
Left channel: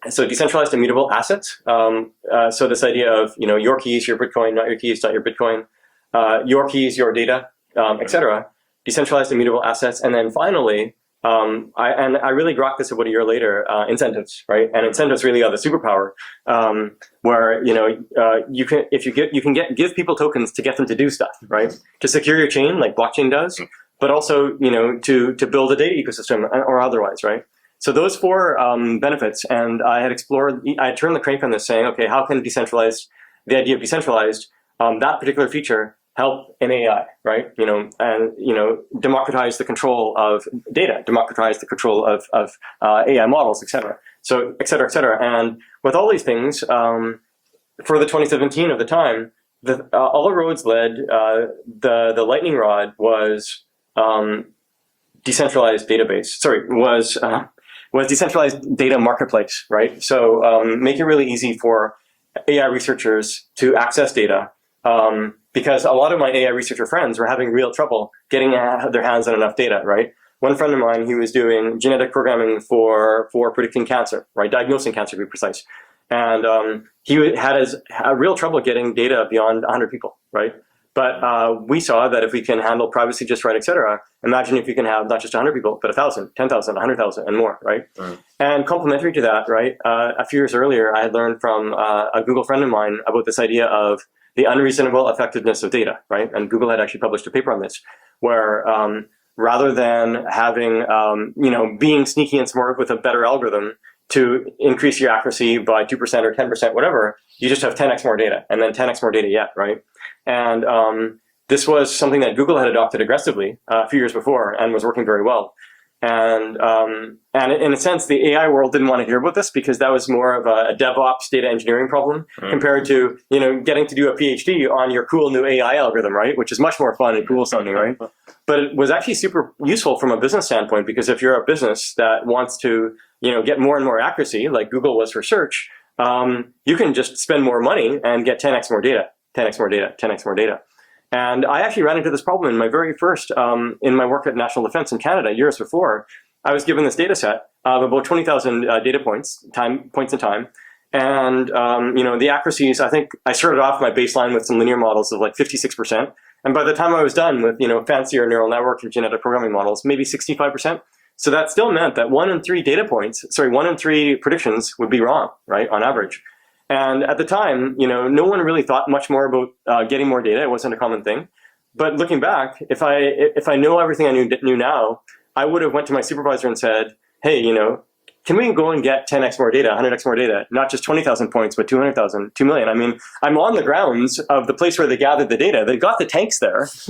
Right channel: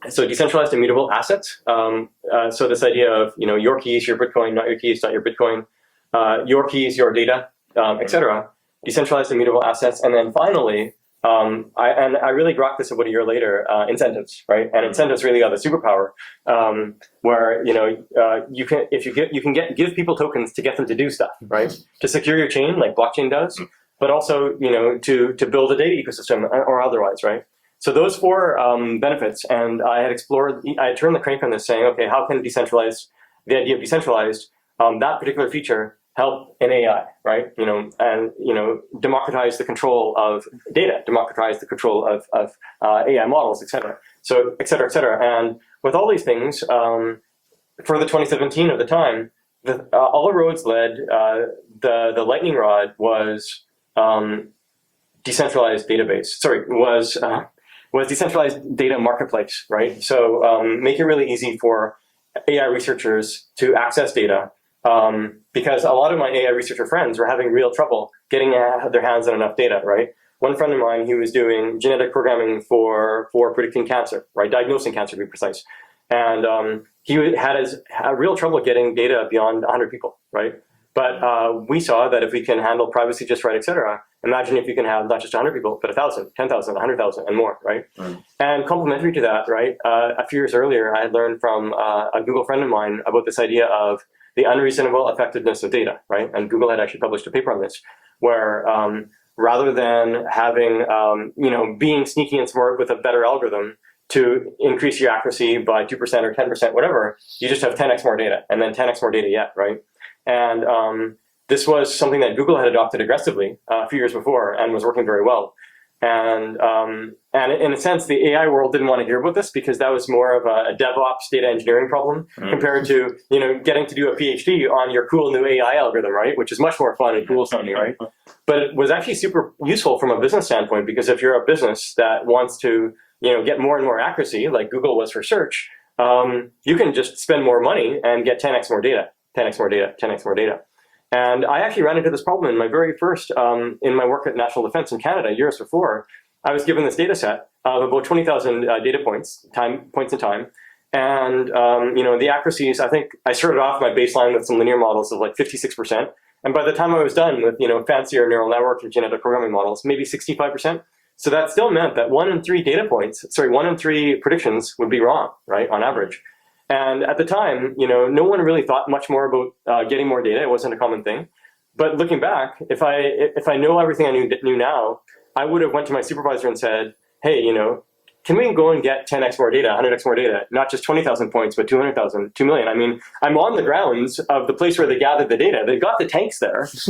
So decentralized, immutable assets. So this idea of your keys, your Bitcoin, not your keys, not your Bitcoin, your keys, your data, etc. Decentralized, immutable assets, and then finally, I really grokked this about a year later. Incentives, right? And incentives really are the superpower, where you can give people tokens to get them to do stuff, right? To secure your chain, like blockchain does. But also, to build a data ecosystem or otherwise, right? So those four benefits, and I had turned the crank on this, saying, okay, how can the idea of decentralized, that particular feature help in AI, right? And democratize the control of data, democratize the control of AI models, et cetera. So, et cetera, et cetera. And with all these things, for the 2017 of the time, all the roads led. The lightning rod was decentralized database. Sorry, was decentralized data marketplace, right? So make it really easy for AI researchers to access data, because a lot of my AI researcher friends were having real trouble getting their hands on enough data, right? One friend of mine, he was doing genetic programming for predicting cancer, right? Diagnosing cancer, to be precise. And he had real trouble getting data beyond 100 people, right? But we saw that if we can handle privacy just right, et cetera, imagine if you can have not just 100 people, but 1,000, 10,000, 100,000 and more, right? And complementary to that, right, a few years earlier, I had learned from a Google friend of mine about this idea of the unreasonable effectiveness of data, right? And Google had actually published a paper on this, where rather than having, being sneaky and smart with a better algorithm to increase your accuracy by 2% or 10%, whatever, you just have 10x more data, and then 10x more data yet, right? And this was something that Google had adopted aggressively a few years before and was working very well. And in a sense, the AI world didn't want to hear about this because that was more of a DevOps data engineering problem compared to, getting to do a PhD on your cool new AI algorithm, right? Which is much more fun and cool sounding, right? But it was actually super useful from a business standpoint, because if you're a business that wants to, get more and more accuracy, like Google was for search, you can just spend more money and get 10x more data, 10x more data, 10x more data. And I actually ran into this problem in my very first, in my work at National Defense in Canada years before. I was given this data set of about 20,000 data points in time. And, the accuracies, I think I started off my baseline with some linear models of like 56%. And by the time I was done with, fancier neural network and genetic programming models, maybe 65%. So that still meant that 1 in 3 predictions would be wrong, right, on average. And at the time, no one really thought much more about getting more data. It wasn't a common thing. But looking back, if I know everything I knew now, I would have went to my supervisor and said, hey, can we go and get 10x more data, 100x more data, not just 20,000 points, but 200,000, 2 million? I mean, I'm on the grounds of the place where they gathered the data. They've got the tanks there. Just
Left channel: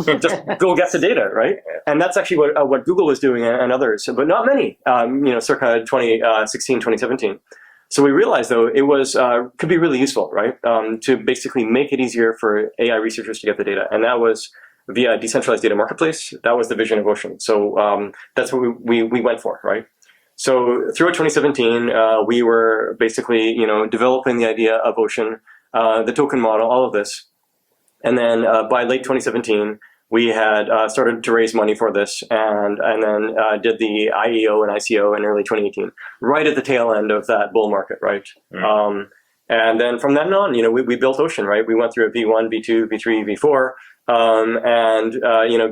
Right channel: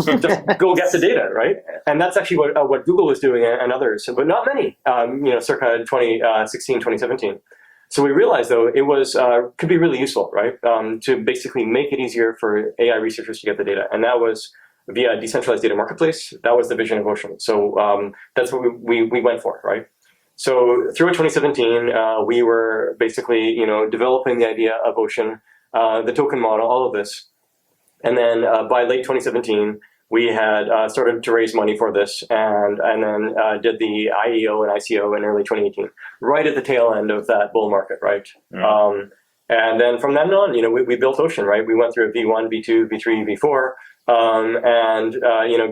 go get the data, right? And that's actually what Google was doing and others, but not many, circa 2016, 2017. So we realized, though, it was could be really useful, right, to basically make it easier for AI researchers to get the data. And that was via a decentralized data marketplace. That was the vision of Ocean. So that's what we went for, right? So throughout 2017, we were basically, developing the idea of Ocean, the token model, all of this. And then by late 2017, we had started to raise money for this, and then did the IEO and ICO in early 2018, right at the tail end of that bull market, right? And then from then on, we built Ocean, right? We went through a V1, V2, V3, V4.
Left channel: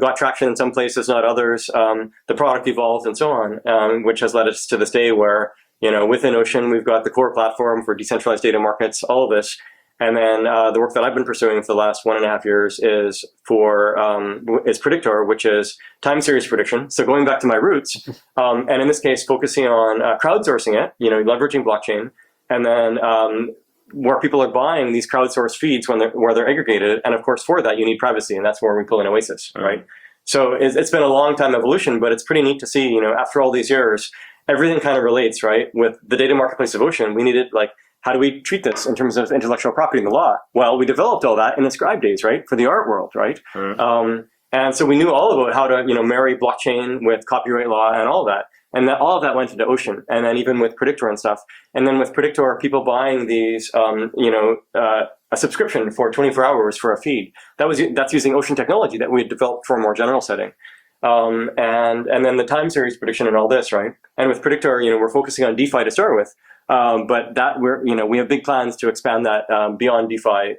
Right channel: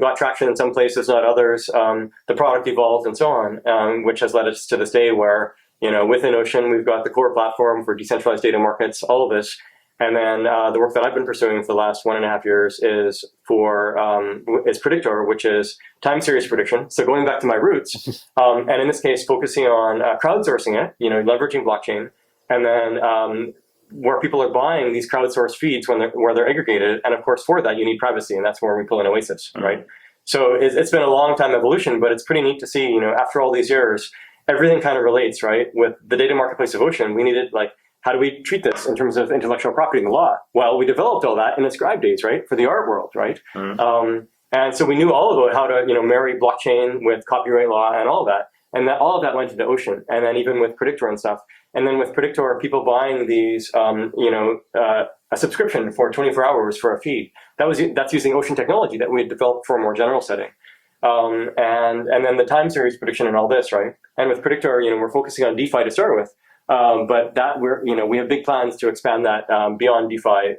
Got traction in some places, not others. The product evolved and so on, which has led us to this day where, within Ocean, we've got the core platform for decentralized data markets, all of this. And then the work that I've been pursuing for the last 1.5 years is Predictoor, which is time series prediction. So going back to my roots, and in this case, focusing on crowdsourcing it, leveraging blockchain, and then where people are buying these crowdsourced feeds where they're aggregated. And of course, for that, you need privacy, and that's where we pull in Oasis, right? So it's been a long time evolution, but it's pretty neat to see, after all these years, everything kind of relates, right? With the data marketplace of Ocean, we needed, how do we treat this in terms of intellectual property in the law? Well, we developed all that in the scribe days, right? For the art world, right? And so we knew all about how to, marry blockchain with copyright law and all of that. And all of that went into Ocean, and then even with Predictoor and stuff. And then with Predictoor, people buying these, a subscription for 24 hours for a feed. That's using Ocean technology that we had developed for a more general setting. And then the time series prediction and all this, right? And with Predictoor, we're focusing on DeFi to start with, but that we have big plans to expand that beyond DeFi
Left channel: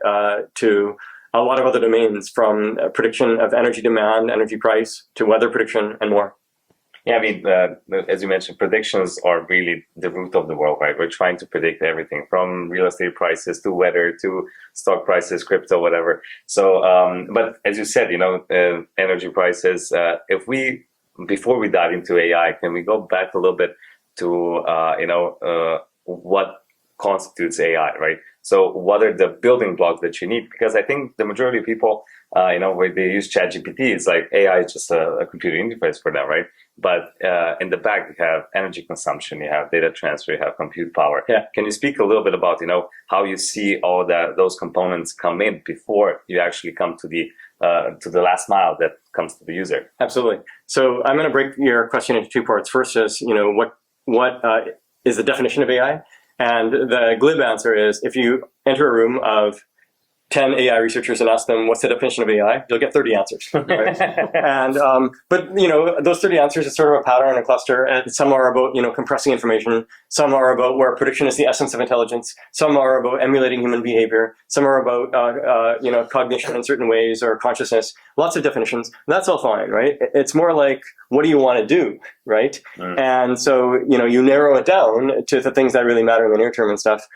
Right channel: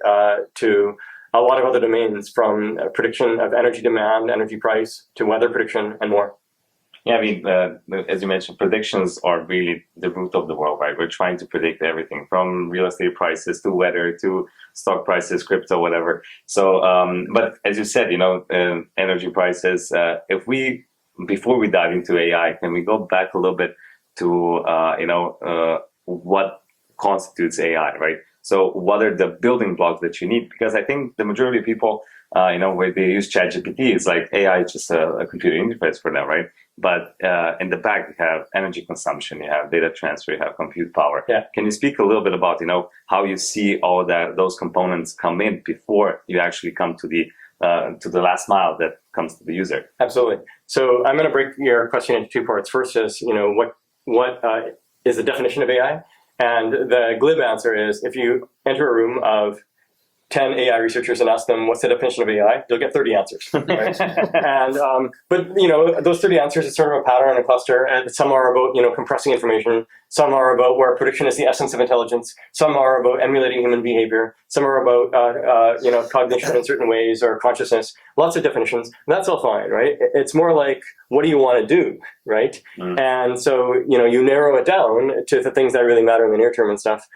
to a lot of other domains, from prediction of energy demand, energy price, to weather prediction, and more. Yeah, I mean, as you mentioned, predictions are really the root of the world, right? We're trying to predict everything from real estate prices to weather to stock prices, crypto, whatever. So, but as you said, energy prices, before we dive into AI, can we go back a little bit to, what constitutes AI, right? So what are the building blocks that you need? Because I think the majority of people, where they use ChatGPT, it's like AI is just a computer interface for now, right? But in the back, you have energy consumption, you have data transfer, you have compute power. Yeah. Can you speak a little bit about, how you see all those components come in before you actually come to the last mile that comes to the user? Absolutely. So I'm going to break your question into two parts. First is, what is the definition of AI? And the glib answer is, if you enter a room of 10 AI researchers and ask them what's the definition of AI, you'll get 30 answers. Right? And but those 30 answers is sort of a pattern and a cluster, and some are about compressing information, some are about where prediction is the essence of intelligence, some are about emulating human behavior, some are about cognition in certain ways or consciousness. Lots of definitions, and that's all fine, right? It's more like, what do you want to do, right? And so you narrow it down to the things that really matter in the near term and stuff,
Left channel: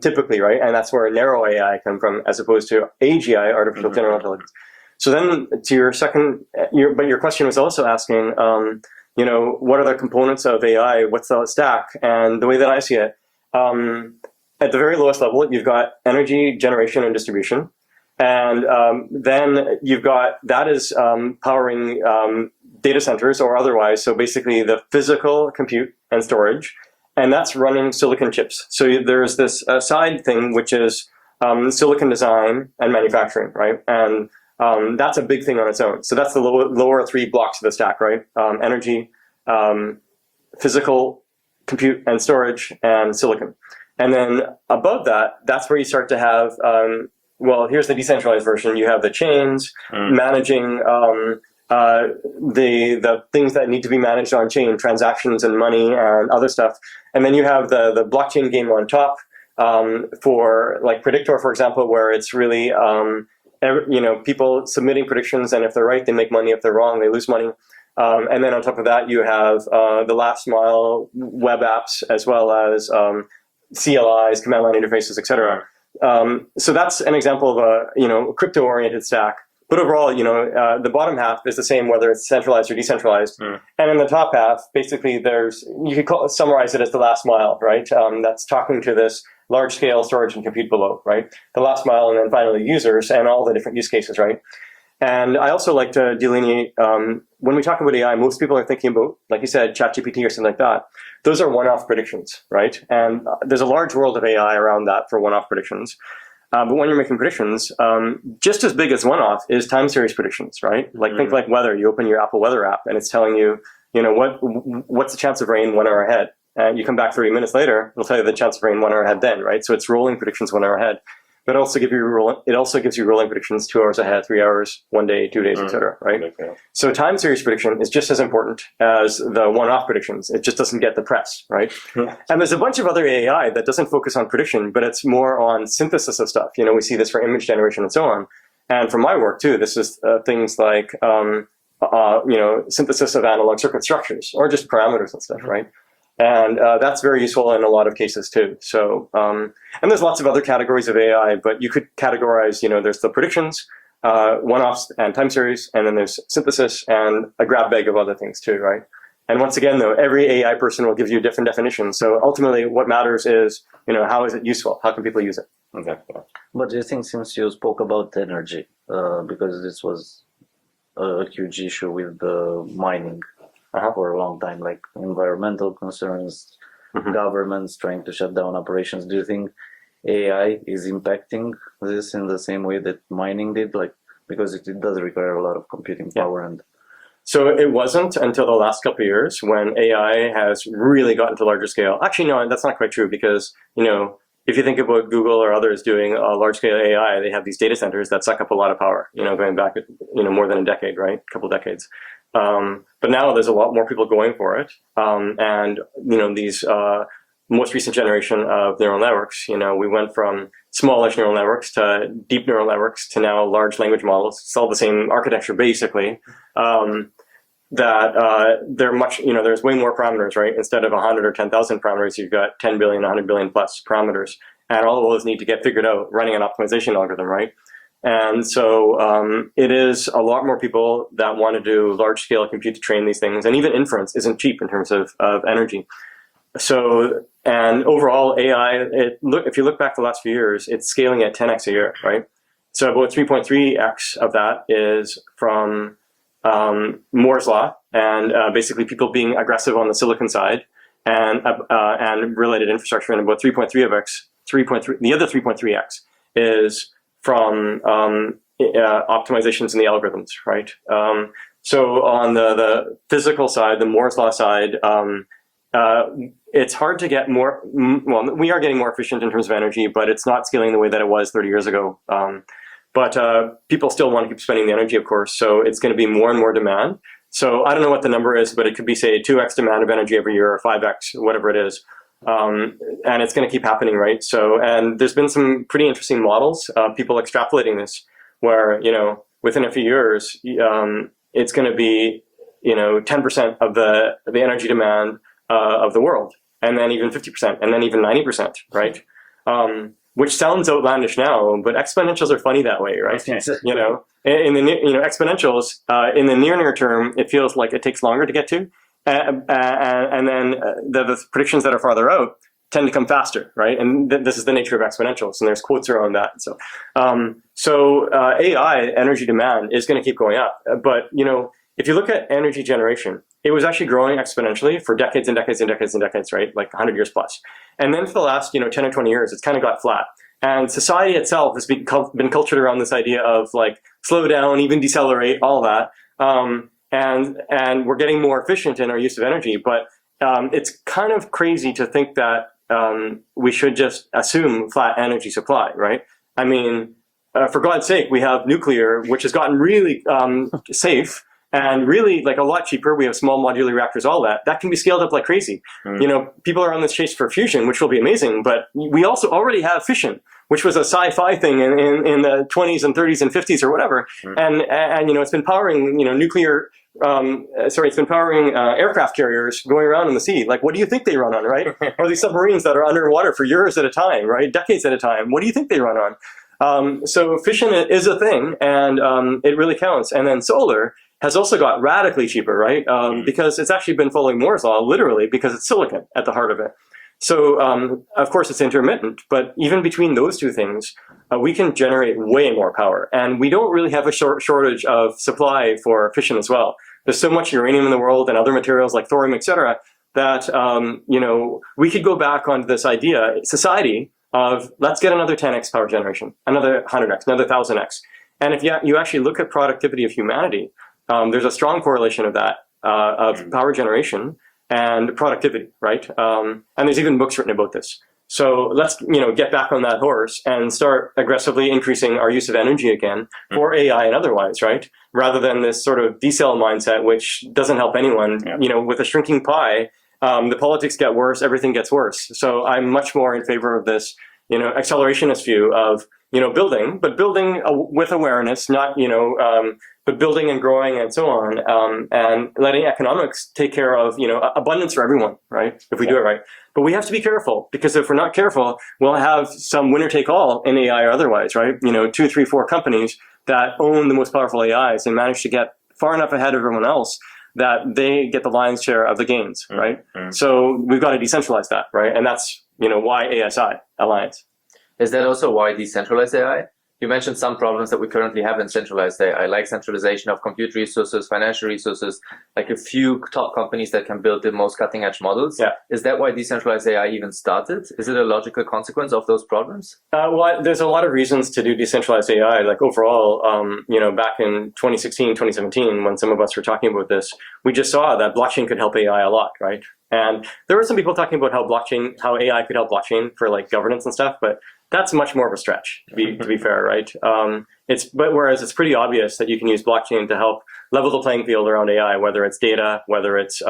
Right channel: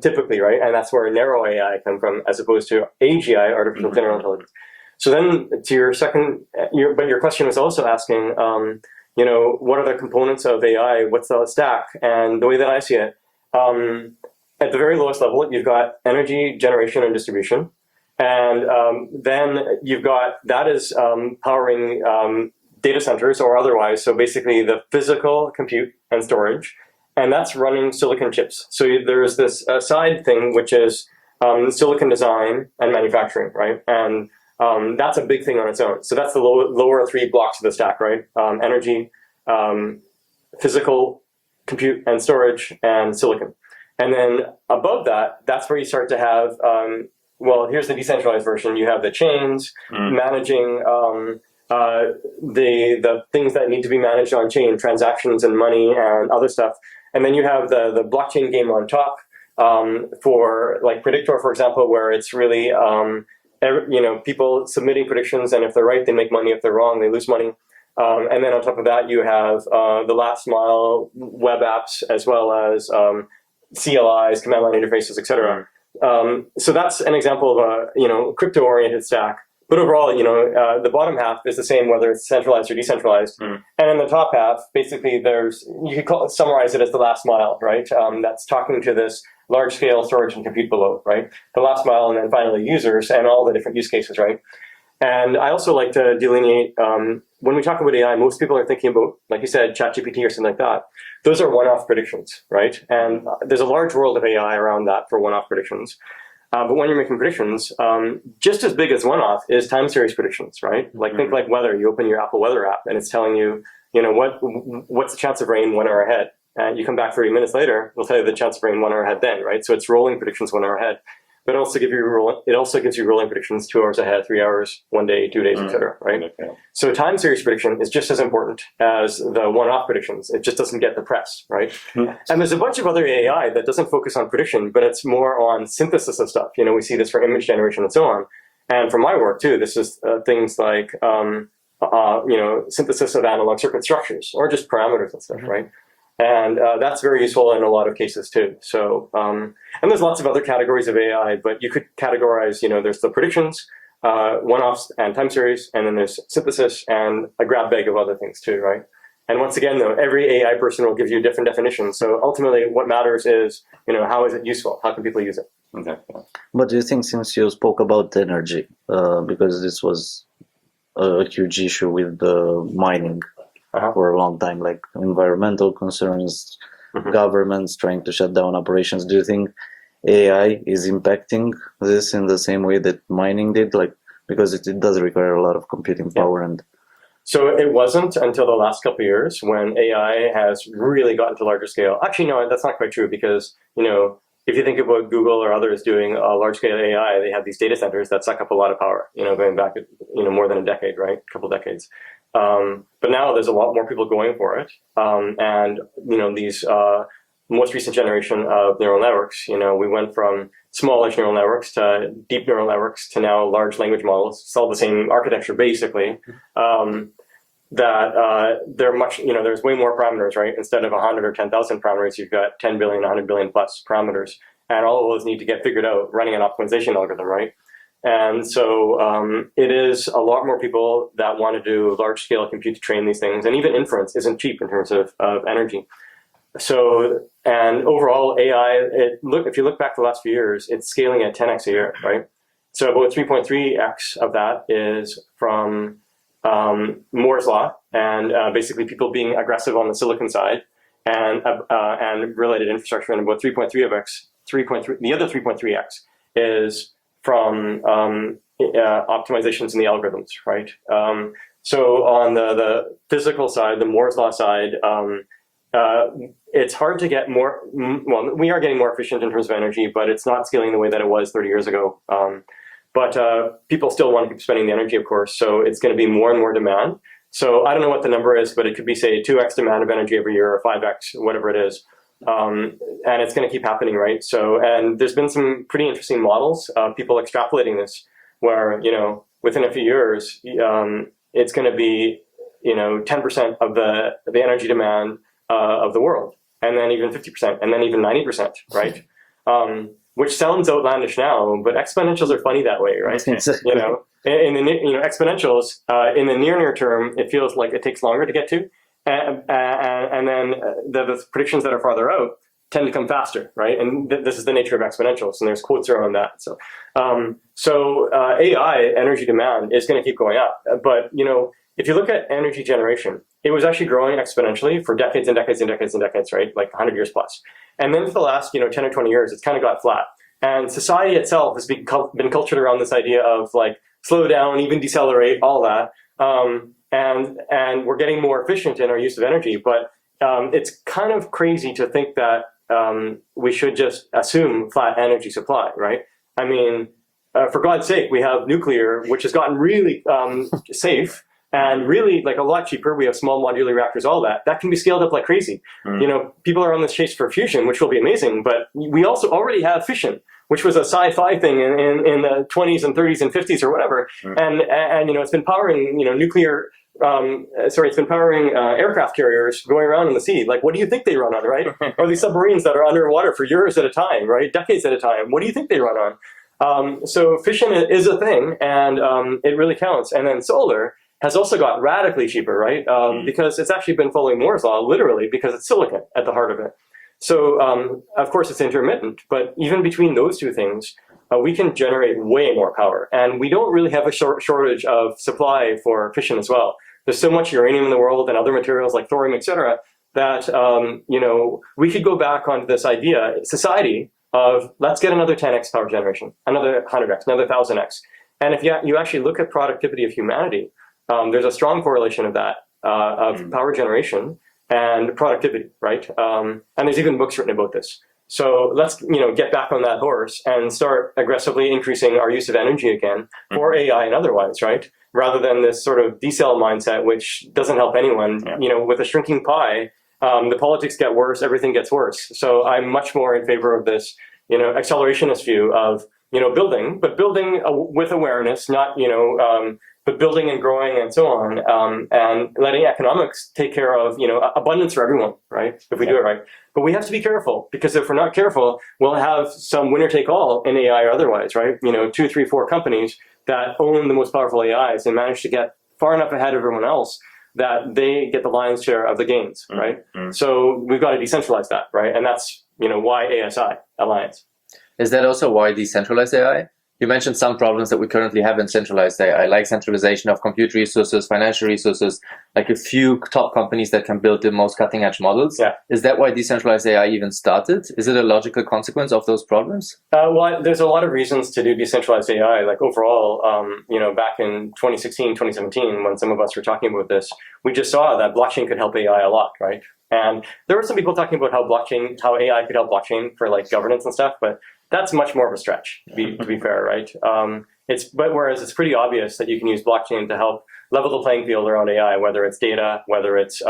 typically, right? And that's where narrow AI come from, as opposed to AGI, artificial general intelligence. So then to your second, but your question was also asking, what are the components of AI? What's the stack? And the way that I see it, at the very lowest level, you've got energy generation and distribution. And then you've got, that is powering data centers or otherwise. So basically the physical compute and storage, and that's running silicon chips. So there's this side thing, which is silicon design and manufacturing, right? And that's a big thing on its own. So that's the lower three blocks of the stack, right? Energy, physical compute and storage, and silicon. And then above that, that's where you start to have, well, here's the decentralized version. You have the chains managing the things that need to be managed on chain, transactions and money and other stuff. And then you have the blockchain game on top for like Predictoor, for example, where it's really people submitting predictions, and if they're right, they make money. If they're wrong, they lose money. And then on top of that, you have the last mile web apps, as well as CLIs, command line interfaces, etc. So that's an example of a crypto-oriented stack. But overall, the bottom half is the same whether it's centralized or decentralized. And in the top half, basically, you could summarize it as the last mile, right? That's talking to this large-scale storage and compute below, right? The last mile, and then finally users and all the different use cases, right? And I also like to delineate, when we talk about AI, most people are thinking about, like you said, ChatGPT or something like that. Those are one-off predictions, right? And there's a large world of AI around that for one-off predictions. But when you're making predictions, just as big as one-off is time series predictions, right? Like think like weather. You open your Apple Weather app and it's telling you, what's the chance of rain 1 hour ahead? And you come back 30 minutes later, it'll tell you the chance of rain 1 hour ahead then, right? So it's rolling predictions 1 hour ahead. But it also gives you rolling predictions 2 hours ahead, 3 hours, 1 day, 2 days, etc. Right? Okay. So time series prediction is just as important as the one-off predictions. It just doesn't get the press, right? And there's a bunch of other AI that doesn't focus on prediction, but it's more on synthesis of stuff. We see this for image generation and so on. And for my work too, this is things like synthesis of analog circuit structures or just parameters and stuff, right? And that's very useful in a lot of cases too. So, and there's lots of other categories of AI, but you could categorize, there's the predictions, one-offs and time series, and then there's synthesis and a grab bag of other things too, right? And once again, though, every AI person will give you different definitions. So ultimately what matters is, how is it useful? How can people use it? Okay. But do you think, since you spoke about energy, because this was a huge issue with the mining, for a long time, like environmental concerns, governments trying to shut down operations. Do you think AI is impacting this in the same way that mining did? Like, because it does require a lot of computing power. And so it wasn't until the last couple of years when AI has really gotten to larger scale. Actually, no, that's not quite true, because, if you think about Google or others doing large scale AI, they have these data centers that suck up a lot of power, going back, more than a decade, right? A couple decades. But now there's a lot more people going for it. And, these most recent generation of neural networks, we went from smallish neural networks to deep neural networks to now large language models. It's all the same architecture, basically. They're much, there's way more parameters, right? Instead of 100 or 10,000 parameters, you've got 10 billion, 100 billion plus parameters. And all of those need to get figured out running an optimization algorithm, right? And so it is a lot more people that want to do large-scale compute to train these things. And even inference isn't cheap in terms of energy. So, and overall AI, if you look back the last few years, it's scaling at 10x a year, right? So about 3.3x of that is from Moore's Law, and basically people being aggressive on the silicon side and related infrastructure. And about 3.3x, the other 3.3x is from optimizations in the algorithms, right? So on the physical side, the Moore's Law side, it's hard to get more, well, we are getting more efficient in terms of energy, but it's not scaling the way that it was 30 years ago. But people still want to keep spending the energy, of course, so it's going to be more and more demand. So I don't know what the number is, but it could be, say, 2x demand of energy every year or 5x, whatever it is. And it's going to keep happening, right? So, and there's been some pretty interesting models of people extrapolating this, where, within a few years, it's going to be, 10% of the energy demand of the world, and then even 50%, and then even 90%, right? Which sounds outlandish now, but exponentials are funny that way, right? In the exponentials in the near term, it feels like it takes longer to get to, and then the predictions that are farther out tend to come faster, right? And this is the nature of exponentials, and there's quotes around that. So AI energy demand is going to keep going up, but if you look at energy generation, it was actually growing exponentially for decades and decades and decades and decades, right? Like 100 years plus. And then for the last 10 or 20 years, it's kind of got flat. And society itself has been cultured around this idea of like slow down, even decelerate, all that. And we're getting more efficient in our use of energy. But it's kind of crazy to think that we should just assume flat energy supply, right? I mean, for God's sake, we have nuclear, which has gotten really safe. And really, like, a lot cheaper. We have small modular reactors, all that. That can be scaled up like crazy. People are on this chase for fusion, which will be amazing. But we also already have fission, which was a sci-fi thing in the 20s and 30s and 50s or whatever. And it's been powering, it's been powering aircraft carriers going around in the sea. Like, what do you think they run on, right? Or these submarines that are underwater for years at a time, right? Decades at a time. What do you think they run on? So fission is a thing, and it really counts. And then solar has also got radically cheaper, right? Because it's actually been following Moore's law, literally, because it's silicon at the heart of it. So, of course, it's intermittent, but even between those two things, we can generate way more power. And we don't really have a shortage of supply for fission as well. There's so much uranium in the world and other materials like thorium, et cetera, that, we could go back onto this idea, society, of let's get another 10x power generation, another 100x, another 1000x. And if you actually look at productivity of humanity, there's a strong correlation of that, of power generation and productivity, right? And there's even books written about this. So let's, get back on that horse and start aggressively increasing our use of energy again for AI and otherwise, right? Rather than this sort of decel mindset, which doesn't help anyone. With a shrinking pie, the politics get worse, everything gets worse. So I'm much more in favor of this, accelerationist view of, building, but building with awareness, not, but building and growing and so on, and letting economics take care of, abundance for everyone, right? If we do it right. But we have to be careful, because if we're not careful, we'll have some winner take all in AI or otherwise, right? 2, 3, 4 companies that own the most powerful AIs and manage to get far enough ahead of everyone else that they get the lion's share of the gains, right? So we've got to decentralize that, right? And that's, why ASI Alliance. Is that also why decentralized AI? You mentioned some problems that we currently have in centralized AI, like centralization of compute resources, financial resources, like a few top companies that can build the most cutting edge models. Yeah. Is that why decentralized AI even started? Is it a logical consequence of those problems? Well, there's a lot of reasons to do decentralized AI. Like overall, back in 2016, 2017, when some of us were talking about this, we just saw that blockchain could help AI a lot, right? And there were some people talking about how AI could help blockchain for like governance and stuff, but that's much more of a stretch, to be fair, right? Whereas it's pretty obvious that you can use blockchain to help level the playing field around AI, whether it's data, whether it's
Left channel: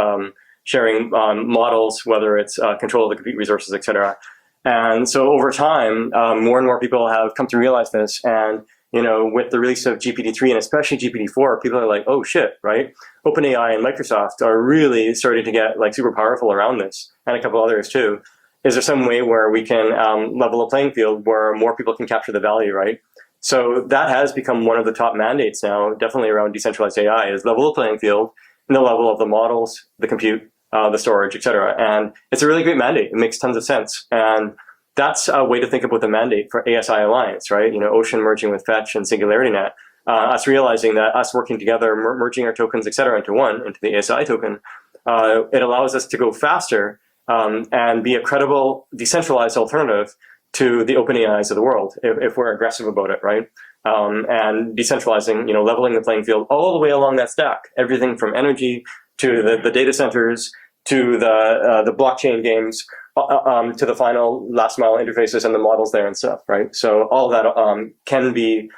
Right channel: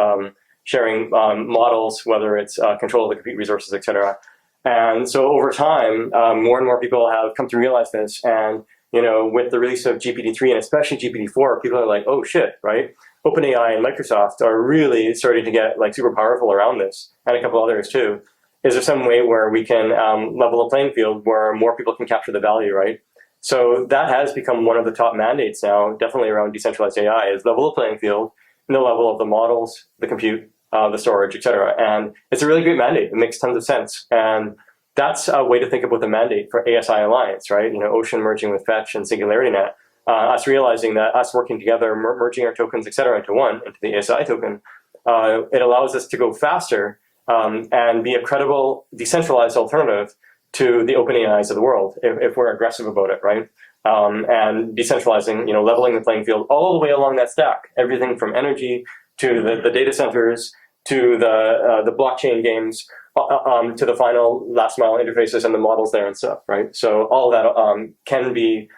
sharing models, whether it's control of the compute resources, et cetera. And so over time, more and more people have come to realize this. And with the release of GPT-3 and especially GPT-4, people are like, oh shit, right? OpenAI and Microsoft are really starting to get like super powerful around this, and a couple others too. Is there some way where we can level a playing field where more people can capture the value, right? So that has become one of the top mandates now, definitely around decentralized AI, is level the playing field in the level of the models, the compute, the storage, et cetera. And it's a really great mandate. It makes tons of sense. And that's a way to think about the mandate for ASI Alliance, right? Ocean merging with Fetch and SingularityNet. Us realizing that us working together, merging our tokens, et cetera, into the ASI token, it allows us to go faster and be a credible, decentralized alternative to the open AIs of the world, if we're aggressive about it, right? And decentralizing, leveling the playing field all the way along that stack, everything from energy to the data centers to the blockchain games, to the final last mile interfaces and the models there and stuff, right? So all of that can be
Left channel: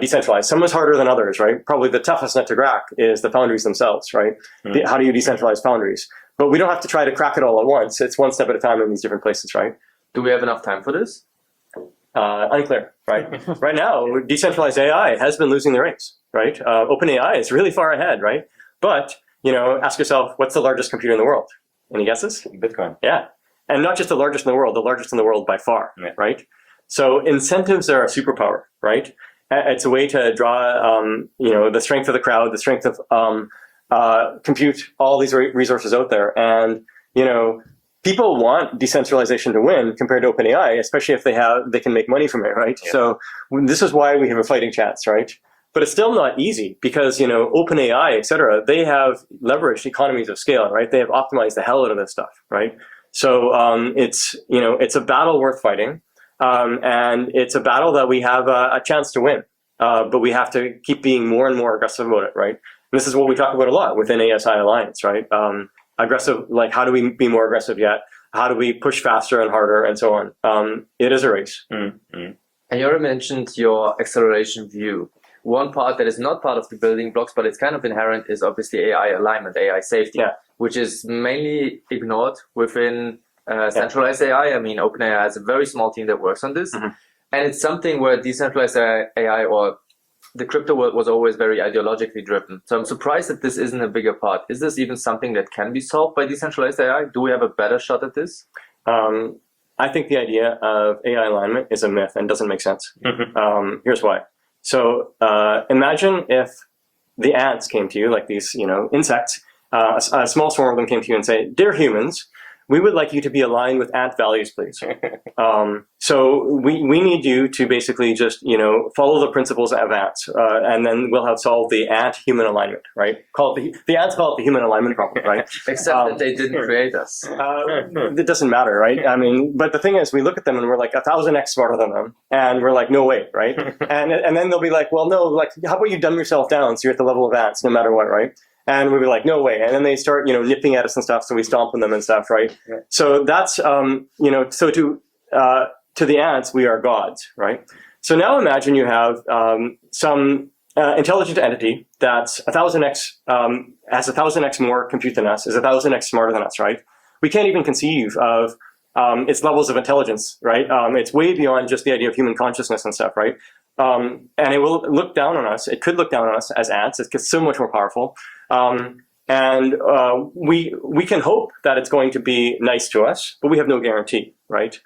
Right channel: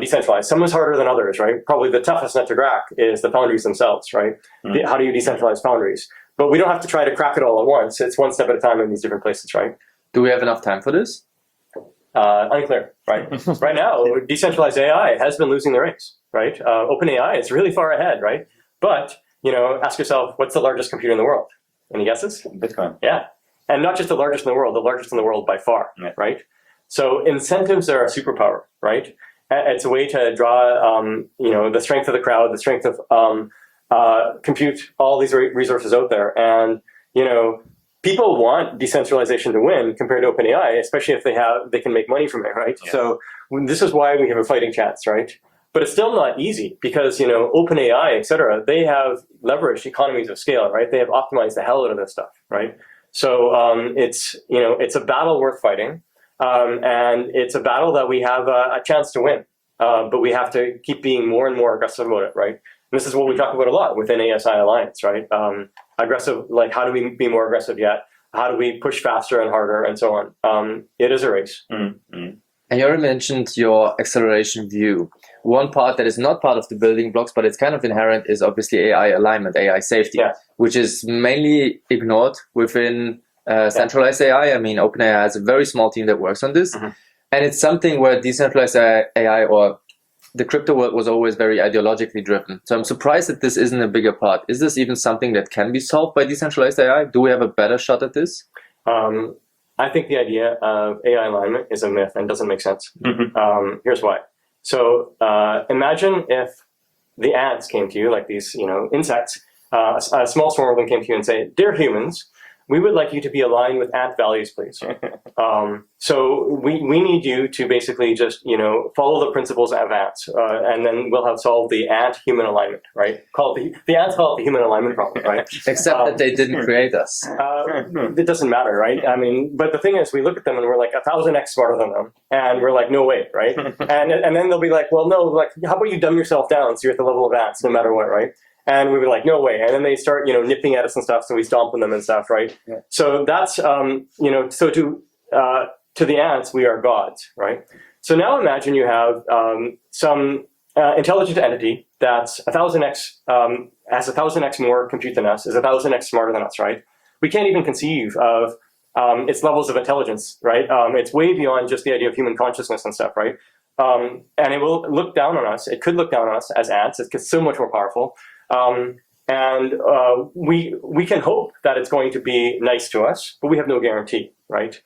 decentralized. Some is harder than others, right? Probably the toughest nut to crack is the foundries themselves, right? How do you decentralize foundries? But we don't have to try to crack it all at once. It's one step at a time in these different places, right? Do we have enough time for this? Unclear, right? Right now, decentralized AI has been losing the race, right? OpenAI is really far ahead, right? But, ask yourself, what's the largest computer in the world? Any guesses? Bitcoin. Yeah. And not just the largest in the world, the largest in the world by far, right? So incentives are a superpower, right? It's a way to draw, the strength of the crowd, the strength of compute all these resources out there. And, people want decentralization to win compared to OpenAI, especially if they can make money from it, right? Yeah. So this is why we have a fighting chance, right? But it's still not easy because, OpenAI, et cetera, they have leveraged economies of scale, right? They have optimized the hell out of this stuff, right? So it's a battle worth fighting. And it's a battle that we have a chance to win. But we have to keep being more and more aggressive about it, right? And this is what we talk about a lot within ASI Alliance, right? Aggressive, like how do we be more aggressive yet? How do we push faster and harder and so on? It is a race. Mm-hmm. And you already mentioned your acceleration view. One part that is not part of the building blocks, but it's kind of inherent, is obviously AI alignment, AI safety, which is mainly ignored within centralized AI. I mean, OpenAI has a very small team that works on this. Mm-hmm. And it's something where decentralized AI or the crypto world was always very ideologically driven. So I'm surprised that this isn't a bigger part. Is this even something that can be solved by decentralized AI? Do we have a better shot at this? I think the idea of AI alignment is a myth and doesn't make sense. Mm-hmm. Here's why. So imagine if the ants came to you, like these, insects, a small swarm of them came to you and say, "Dear humans, we would like you to be aligned with ant values, please. So we need you to basically just, follow the principles of ants, and then we'll have solved the ant-human alignment, right? The ants call it the human alignment problem, right? Except that they didn't create us. It doesn't matter, right? I mean, but the thing is, we look at them and we're like 1,000x smarter than them, and we're like, no way, right? and then they'll be like, well, no, like, how about you dumb yourself down so you're at the level of ants, no matter what, right? And we were like, no way. And then they start, nipping at us and stuff. So we stomp on them and stuff, right? Yeah. So that's, so to the ants, we are gods, right? So now imagine you have some intelligent entity that's 1,000x, has 1,000x more compute than us, is 1,000x smarter than us, right? We can't even conceive of its levels of intelligence, right? It's way beyond just the idea of human consciousness and stuff, right? And it will look down on us. It could look down on us as ants. It's so much more powerful. And we can hope that it's going to be nice to us, but we have no guarantee, right?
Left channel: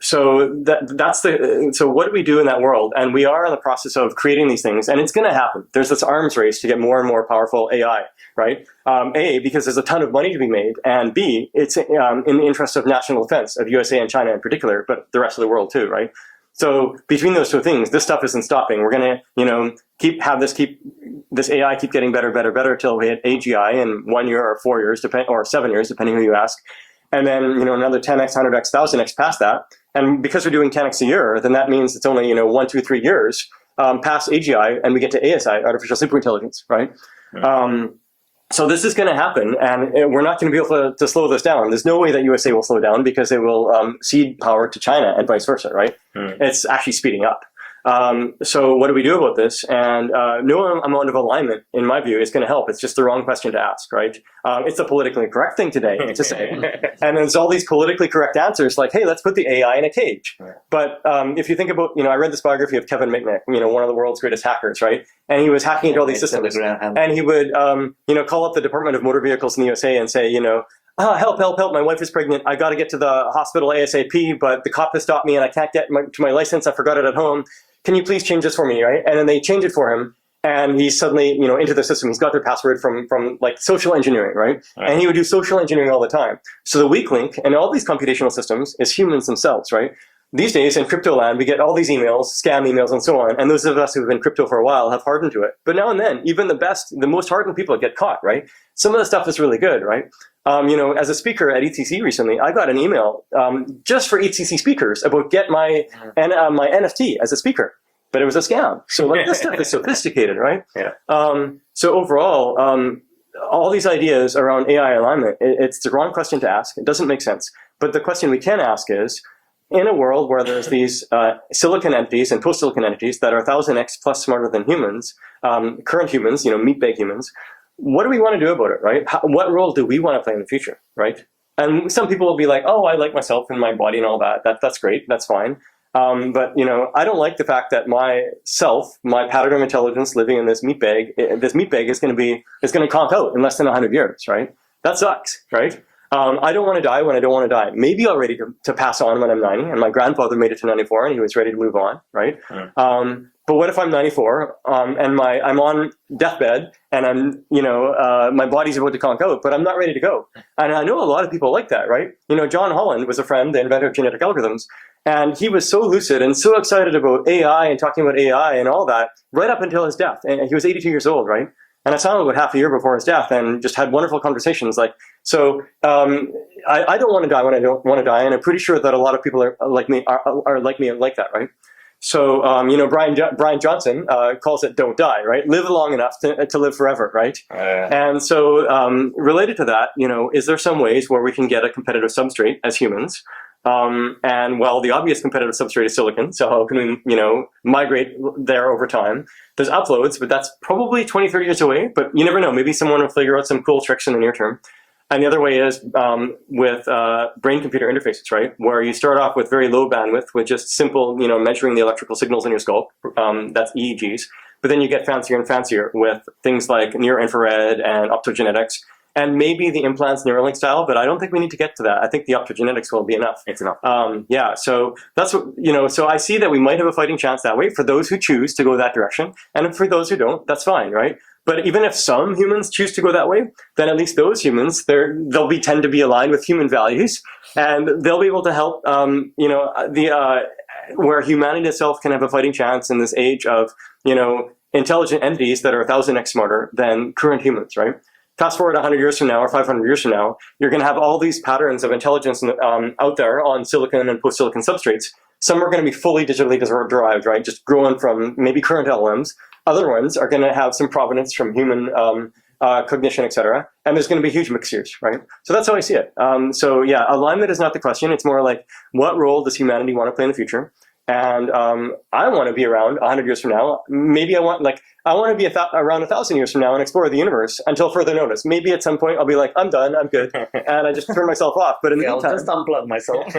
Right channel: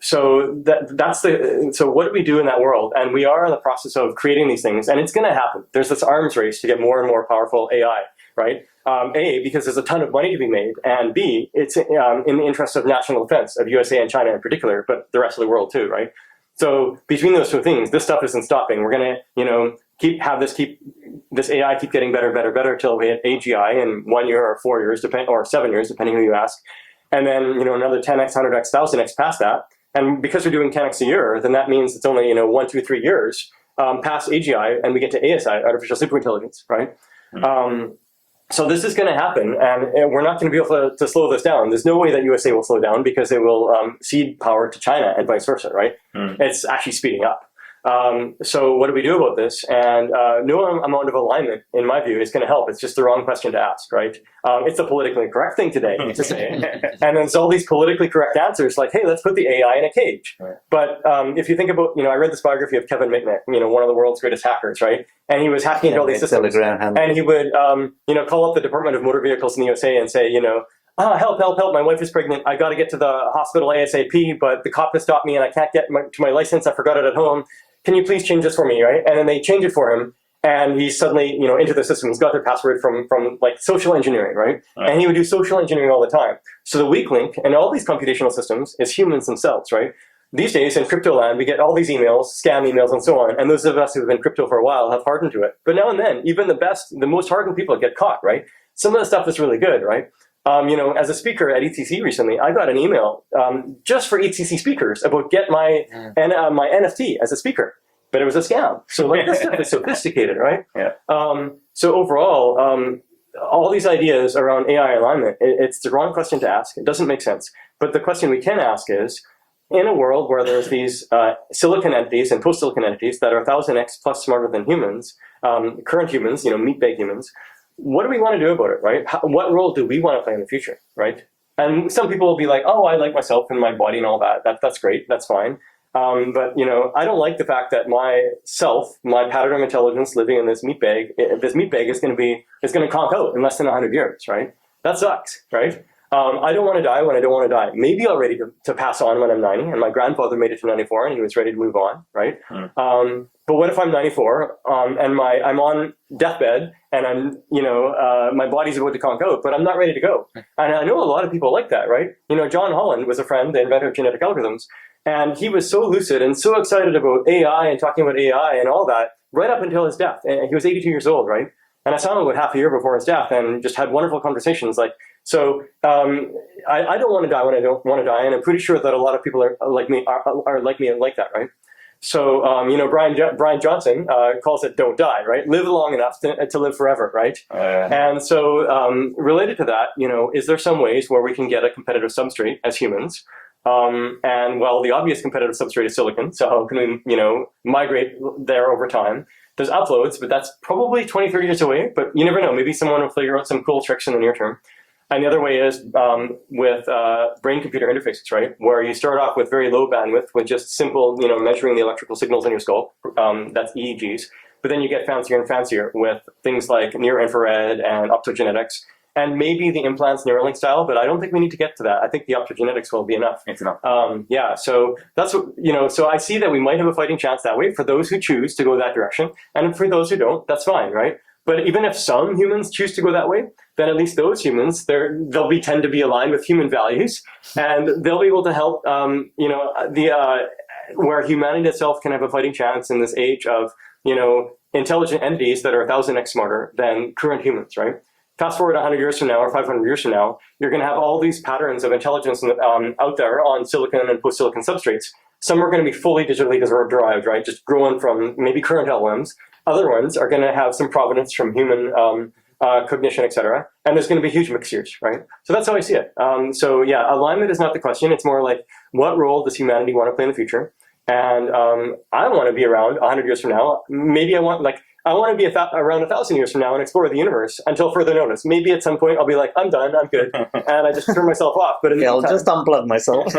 So so what do we do in that world? And we are in the process of creating these things, and it's going to happen. There's this arms race to get more and more powerful AI, right? A, because there's a ton of money to be made, and B, it's in the interest of national defense, of USA and China in particular, but the rest of the world too, right? So between those two things, this stuff isn't stopping. We're going to, have this AI keep getting better, better, better till we hit AGI in 1 year or 4 years, or 7 years, depending who you ask. And then, another 10x, 100x, 1000x past that. And because we're doing 10x a year, then that means it's only, 1, 2, 3 years past AGI, and we get to ASI, artificial superintelligence, right? So this is going to happen, and we're not going to be able to slow this down. There's no way that USA will slow down because they will cede power to China and vice versa, right? It's actually speeding up. So what do we do about this? And no amount of alignment, in my view, is going to help. It's just the wrong question to ask, right? It's the politically correct thing today to say. And then there's all these politically correct answers like, hey, let's put the AI in a cage. Right. But if you think about, I read this biography of Kevin Mitnick, one of the world's greatest hackers, right? And he was hacking into all these systems. And he would, call up the Department of Motor Vehicles in the USA and say, help, help, help, my wife is pregnant. I got to get to the hospital ASAP, but the cop has stopped me and I can't get to my license. I forgot it at home. Can you please change this for me, right? And then they change it for him, and he's suddenly, into the system. He's got their password from like social engineering, right? And he would do social engineering all the time. So the weak link in all these computational systems is humans themselves, right? These days in crypto land, we get all these emails, scam emails, and so on. And those of us who've been crypto for a while have hardened to it. But now and then, even the most hardened people get caught, right? Some of the stuff is really good, right? As a speaker at ETC recently, I got an email just for ETC speakers about get my NFT as a speaker, but it was a scam. So like this stuff is sophisticated, right? Yeah. So overall, all these ideas around AI alignment, it's the wrong question to ask. It doesn't make sense. But the question we can ask is, in a world where there's these silicon entities and post-silicon entities that are 1000x plus smarter than humans, current humans, meat bag humans, what do we want to do about it, right? What role do we want to play in the future, right? And some people will be like, oh, I like myself and my body and all that. That's great. That's fine. But I don't like the fact that my pattern of intelligence living in this meat bag is going to conk out in less than 100 years, right? That sucks, right? I don't want to die when I don't want to die. Maybe I'm ready to pass on when I'm 90, and my grandfather made it to 94 and he was ready to move on, right? But what if I'm 94 and I'm on deathbed and I'm my body's about to conk out, but I'm not ready to go? And I know a lot of people like that, right? John Holland was a friend, the inventor of genetic algorithms, and he was so lucid and so excited about AI and talking about AI and all that right up until his death. And he was 82 years old, right? And I saw him about half a year before his death and just had wonderful conversations. I don't want to die when I don't want to die, and I'm pretty sure that a lot of people are like me like that, right? So Brian Johnson calls it "don't die," right? Live long enough to live forever, right? And so related to that, is there some ways where we can get a competitive substrate as humans? And well, the obvious competitive substrate is silicon. So how can we, migrate there over time? There's uploads, but that's probably 20, 30 years away. But you never know. Maybe someone will figure out some cool tricks in the near term. And the other way is with brain-computer interfaces, right? Where you start off with very low bandwidth with just simple, measuring the electrical signals in your skull. That's EEGs. But then you get fancier and fancier with things like near-infrared and optogenetics. And maybe the implants Neuralink style, but I don't think we need to get to that. I think the optogenetics will be enough. It's enough. So that's what, so I see that we might have a fighting chance that way for those who choose to go that direction. And for those who don't, that's fine, right? But even if some humans choose to go that way, then at least those humans, they'll tend to be aligned with human values, and they'll be able to help, where humanity itself can have a fighting chance in this age of, intelligent entities that are 1000x smarter than current humans, right? Fast forward 100 years from now or 500 years from now, you're going to have all these patterns of intelligence out there on silicon and post-silicon substrates. Some are going to be fully digitally derived, right? Just growing from maybe current LLMs. Other ones are going to have some provenance from human cognition, et cetera. And there's going to be huge mixtures, right? So that's how I see it. Alignment is not the question. It's more like, what role does humanity want to play in the future? And I want to be around 100 years from now. Maybe I want to be around 1,000 years from now and explore the universe until further notice. Maybe at some point I'll be like, I'm done, I'm good, and I just turn myself off. But in the meantime, I'll just unplug myself.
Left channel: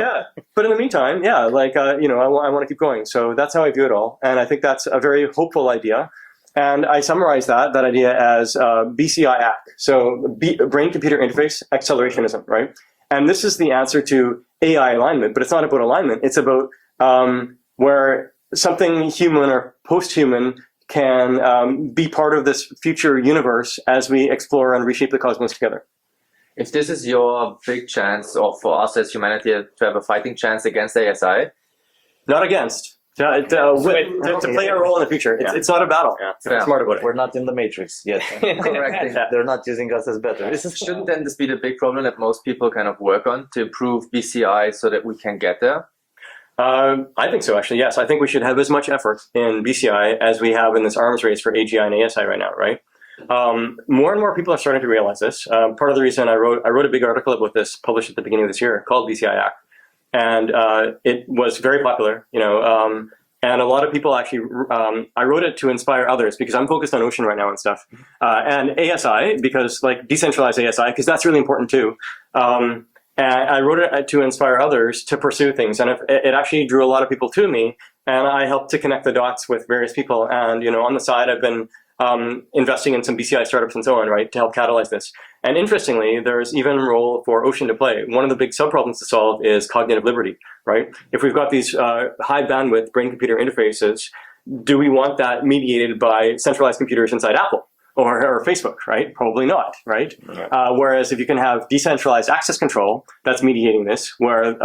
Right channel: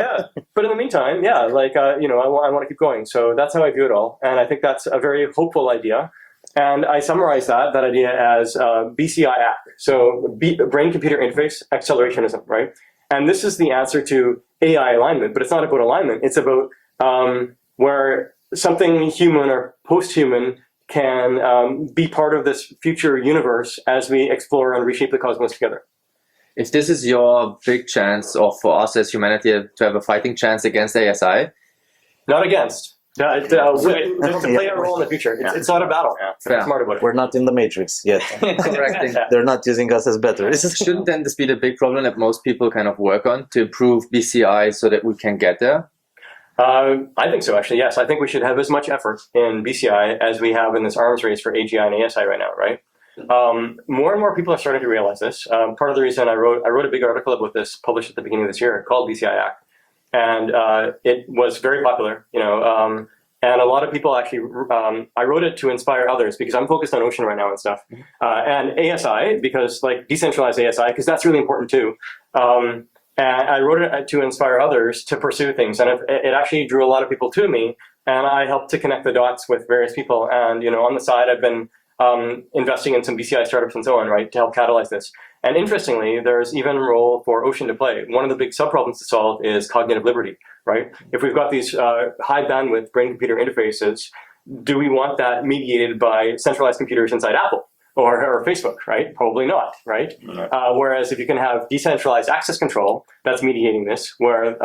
But in the meantime, I want to keep going. So that's how I view it all, and I think that's a very hopeful idea. And I summarize that idea as BCI ACK. So brain-computer interface accelerationism, right? And this is the answer to AI alignment, but it's not about alignment. It's about where something human or post-human can be part of this future universe as we explore and reshape the cosmos together. If this is your big chance, or for us as humanity to have a fighting chance against ASI? Not against. To play a role in the future. It's not a battle. Yeah. Smart about it. We're not in the Matrix yet. They're not using us as batteries. Shouldn't then this be the big problem that most people kind of work on to improve BCI so that we can get there? I think so, actually, yes. I think we should have as much effort in BCI as we have in this arms race for AGI and ASI right now, right? More and more people are starting to realize this. Part of the reason I wrote a big article about this published at the beginning of this year called BCI Act. And it was very popular, and a lot of people actually, I wrote it to inspire others because I'm focused on ocean right now and stuff. And ASI, because decentralized ASI, because that's really important too. And I wrote it to inspire others to pursue things. And it actually drew a lot of people to me. And I helped to connect the dots with various people. And, on the side, I've been investing in some BCI startups and so on, right, to help catalyze this. And interestingly, there's even a role for ocean to play. One of the big sub-problems to solve is cognitive liberty, right? If we've got these high bandwidth brain-computer interfaces, do we want that mediated by centralized computers inside Apple? Or Facebook, right? Probably not, right? Whereas if you can have decentralized access control that's mediating this, where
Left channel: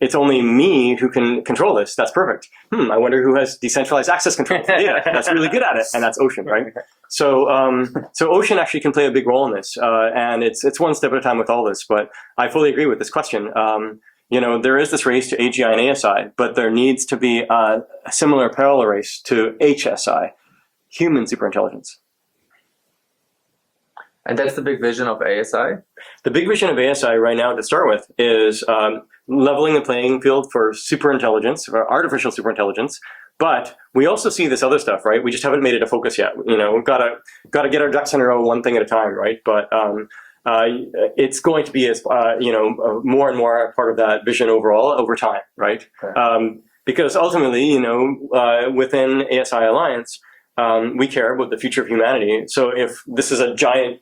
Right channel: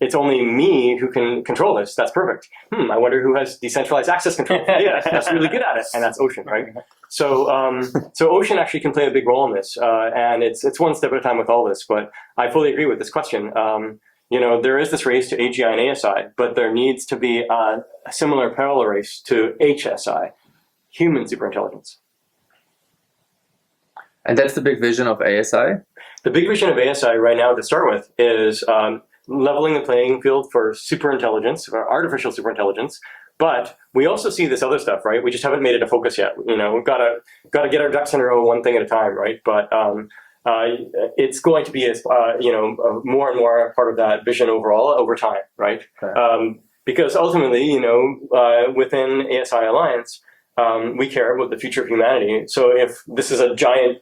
it's only me who can control this, that's perfect. I wonder who has decentralized access control. Yeah, that's really good at it, and that's Ocean, right? So Ocean actually can play a big role in this, and it's one step at a time with all this, but I fully agree with this question. There is this race to AGI and ASI, but there needs to be a similar parallel race to HSI, human superintelligence. And that's the big vision of ASI? The big vision of ASI right now to start with is leveling the playing field for superintelligence, or artificial superintelligence. But we also see this other stuff, right? We just haven't made it a focus yet. You know, we've got to get our ducks in a row, one thing at a time, right? But it's going to be, as you know, more and more part of that vision overall over time, right? Okay. Because ultimately, you know, within ASI Alliance, we care about the future of humanity. So if this is a giant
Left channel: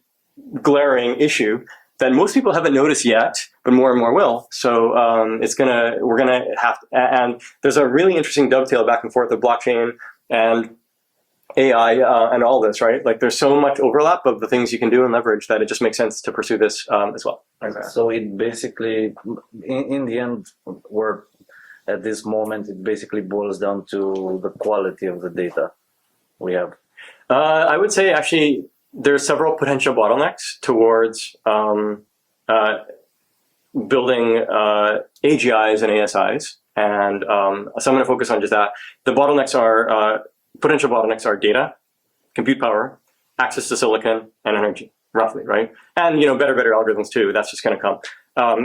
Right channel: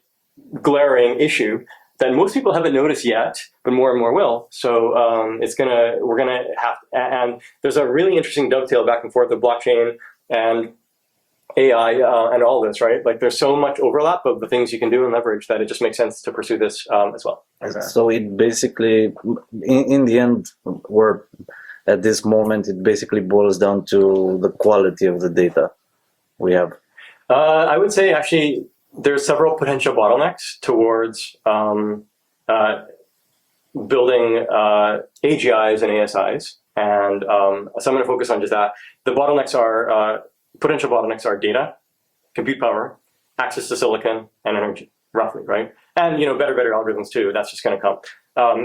glaring issue, then most people haven't noticed yet, but more and more will. So we're gonna have to, and there's a really interesting dovetail back and forth of blockchain and AI and all this, right? Like there's so much overlap of the things you can do and leverage that it just makes sense to pursue this as well. So it basically, in the end, we're at this moment, it basically boils down to the quality of the data we have. I would say actually, there's several potential bottlenecks towards building AGIs and ASIs, and so I'm going to focus on just that. The bottlenecks are potential bottlenecks are data, compute power, access to silicon, and energy, roughly, right? And you know, better algorithms too. That's just going to come.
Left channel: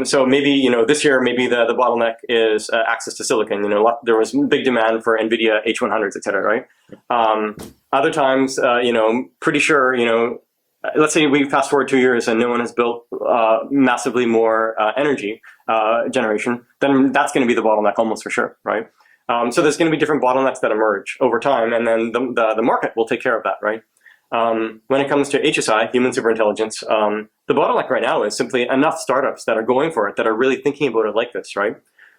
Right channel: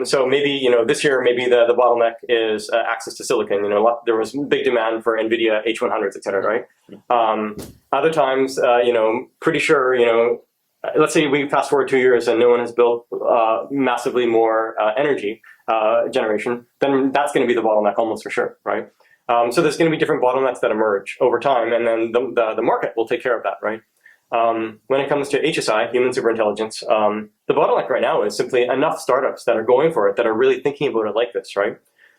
So maybe, you know, this year maybe the bottleneck is access to silicon. You know, there was big demand for NVIDIA H100s, et cetera, right? Other times, you know, pretty sure, you know, let's say we fast forward 2 years and no one has built massively more energy generation, then that's going to be the bottleneck almost for sure, right? So there's going to be different bottlenecks that emerge over time, and then the market will take care of that, right? When it comes to HSI, human superintelligence, the bottleneck right now is simply enough startups that are going for it, that are really thinking about it like this, right?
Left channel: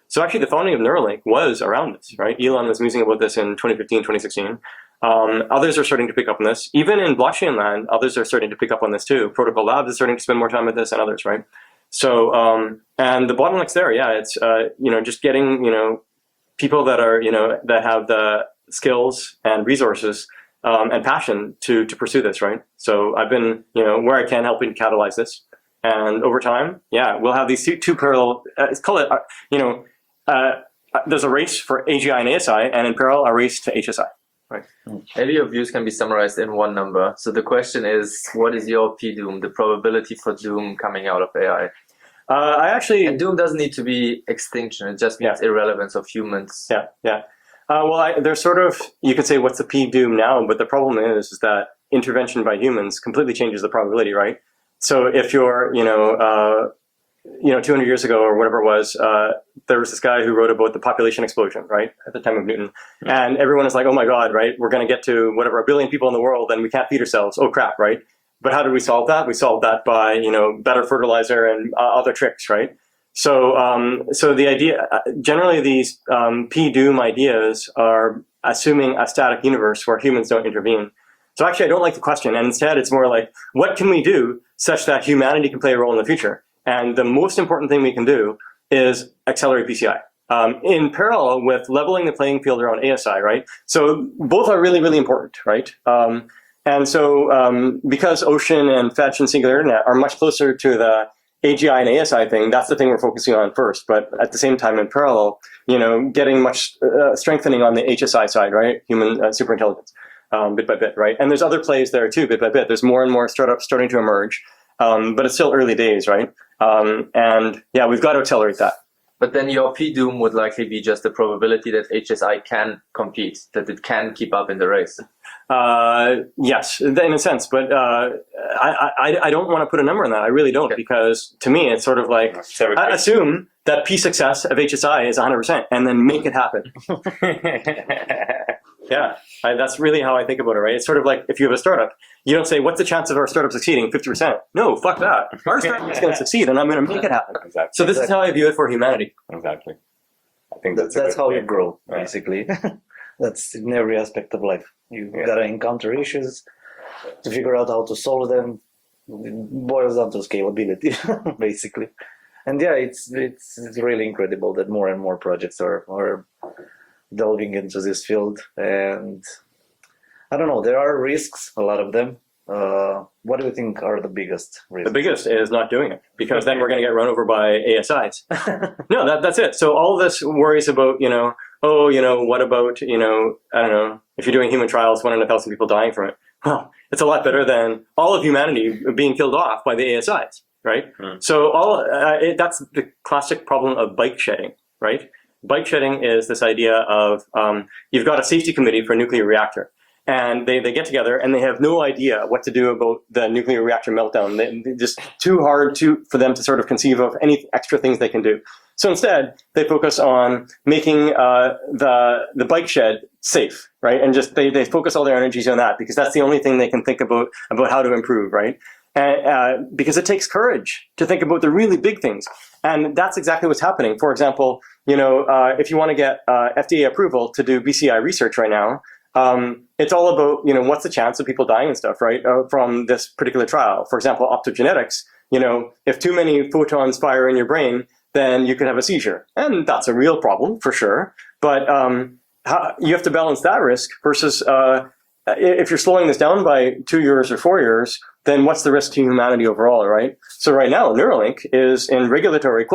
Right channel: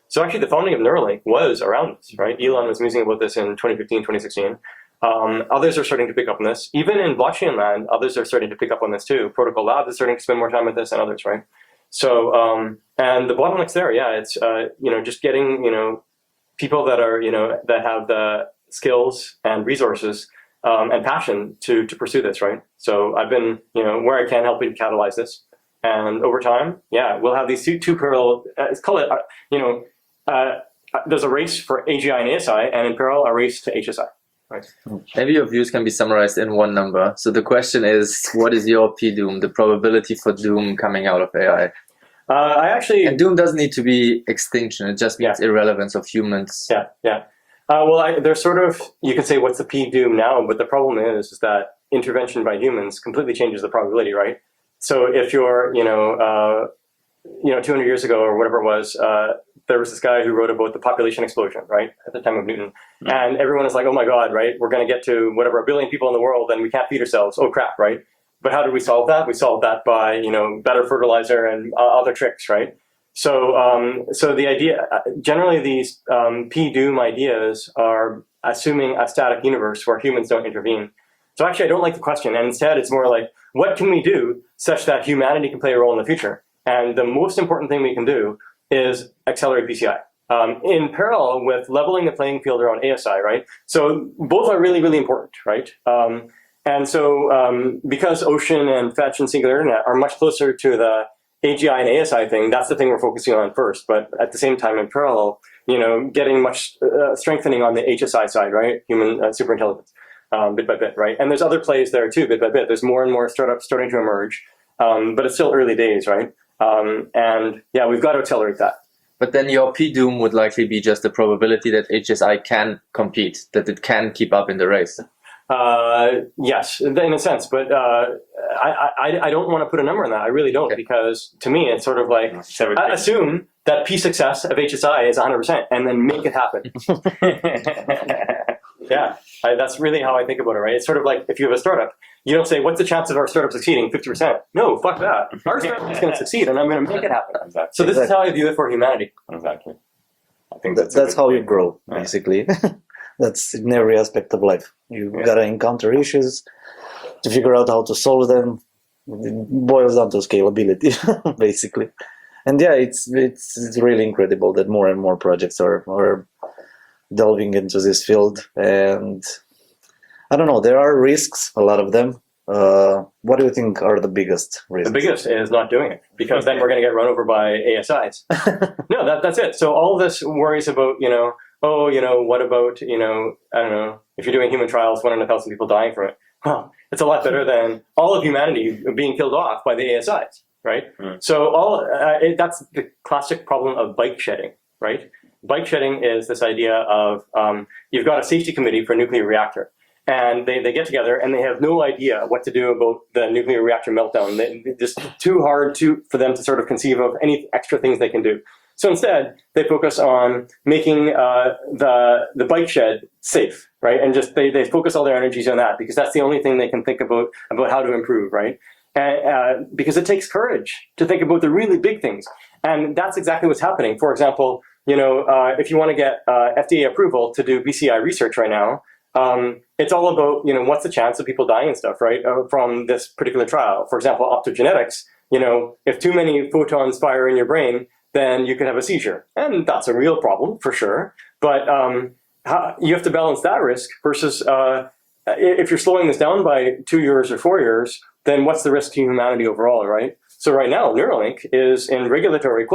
So actually the founding of Neuralink was around this, right? Elon was musing about this in 2015, 2016. Others are starting to pick up on this. Even in blockchain land, others are starting to pick up on this too. Protocol Labs is starting to spend more time with this and others, right? So, and the bottleneck's there, yeah, it's, you know, just getting, you know, people that are, you know, that have the skills and resources and passion to pursue this, right? So I've been, you know, where I can helping to catalyze this. And over time, yeah, we'll have these two parallel, let's call it, you know, there's a race for AGI and ASI, and in parallel, a race to HSI. Right. Maybe your views can be summarized in one number. So the question is, what is your P-doom, the probability for doom coming out of AI? And doom doesn't need to be extinction, it just means irrelevance of humans. Yeah. Well, there's sort of, you could say, what's the P-doom now, but the problem is that intervention by humans completely changes the probability, right? So if you're, you know, 200 years ago or whatever it was, there was this guy who wrote about the population explosion, right, at the time of Newton. And everyone is like, oh my God, right, we're going to get to whatever, 1 billion people in the world and we can't feed ourselves. Oh crap, right? But how did we solve that? We solved that by, you know, better fertilizer and other tricks, right? So, so the idea, generally these P-doom ideas are assuming a static universe where humans don't intervene. So actually I don't like the question, and instead it's more like, what can we do such that humanity can play a role in the future? And the most important thing we can do is accelerate BCI. In parallel with leveling the playing field around ASI, right? So both are really, really important, right? And so because Ocean and Fetch and Singular Internet are much closer to the AGI and ASI thing, that's the thing we're focusing on first. But at the same time, in parallel, you know, getting much strengthening on the HSI side, right? Human superintelligence, bit by bit, right? And there's other plays there too, bit by bit. There's more and more startups starting to emerge, but it's still early days, right? And yeah, we've got to accelerate that. But then your P-doom would likely be just the probability that HSI can compete, that it can keep up in the race. Yes, in a sense, but I don't want to put a number on that. I really don't, because to me, it's sort of like, I assume that P success of HSI is 100% and then make it happen. Yeah, that's really how I think about it, right? It's sort of like if you have a startup, you don't say, what's the chance of our startup succeeding? 50%. No, fuck that. Our startup is going to succeed and I'm going to make it happen. Exactly. So this is how I view it for humanity. Exactly. I think that's how you grow, basically. That's in every aspect of life. You gotta encounter issues to figure out how to solve them. It boils down to scalability, basically. And yeah, it's really incredible that more and more projects are delving into this field. And I don't know, there are risks, a lot of them. What do you think are the biggest risks? The biggest is not doing it, because then we're going to get run over by ASIs. No, that's it. So all this worries about, you know, oh, you know, what about, you know, I don't know, if you're doing human trials, 1 in 1,000 people dying from it. well, it's a lot better than all of humanity being killed off by the ASIs, right? So that's the classic problem of bike shedding, right? Bike shedding is this idea of you've got a safety committee for a nuclear reactor, and they get together and they have no idea what to do about the nuclear reactor meltdown. They're just too hard for them to sort of conceive of any extra things they can do. So instead, they focus on making the bike shed safe, right? And just they focus all their energies on that because that's the only thing they can think about how to improve, right? And because it takes courage to think about the really big things, and that's exactly what's happening. For example, if you want to get FDA approval to do BCI research right now, it's all about what's the chance of people dying and stuff, right? From this particular trial. For example, optogenetics. If too many photons fire in your brain, then you could have a seizure. And that's a real problem, for sure. But you have to balance that risk versus if you're slowing this down by 2 years or 4 years, then what's the risk to humanity overall, right? So right now, Neuralink is in regulatory,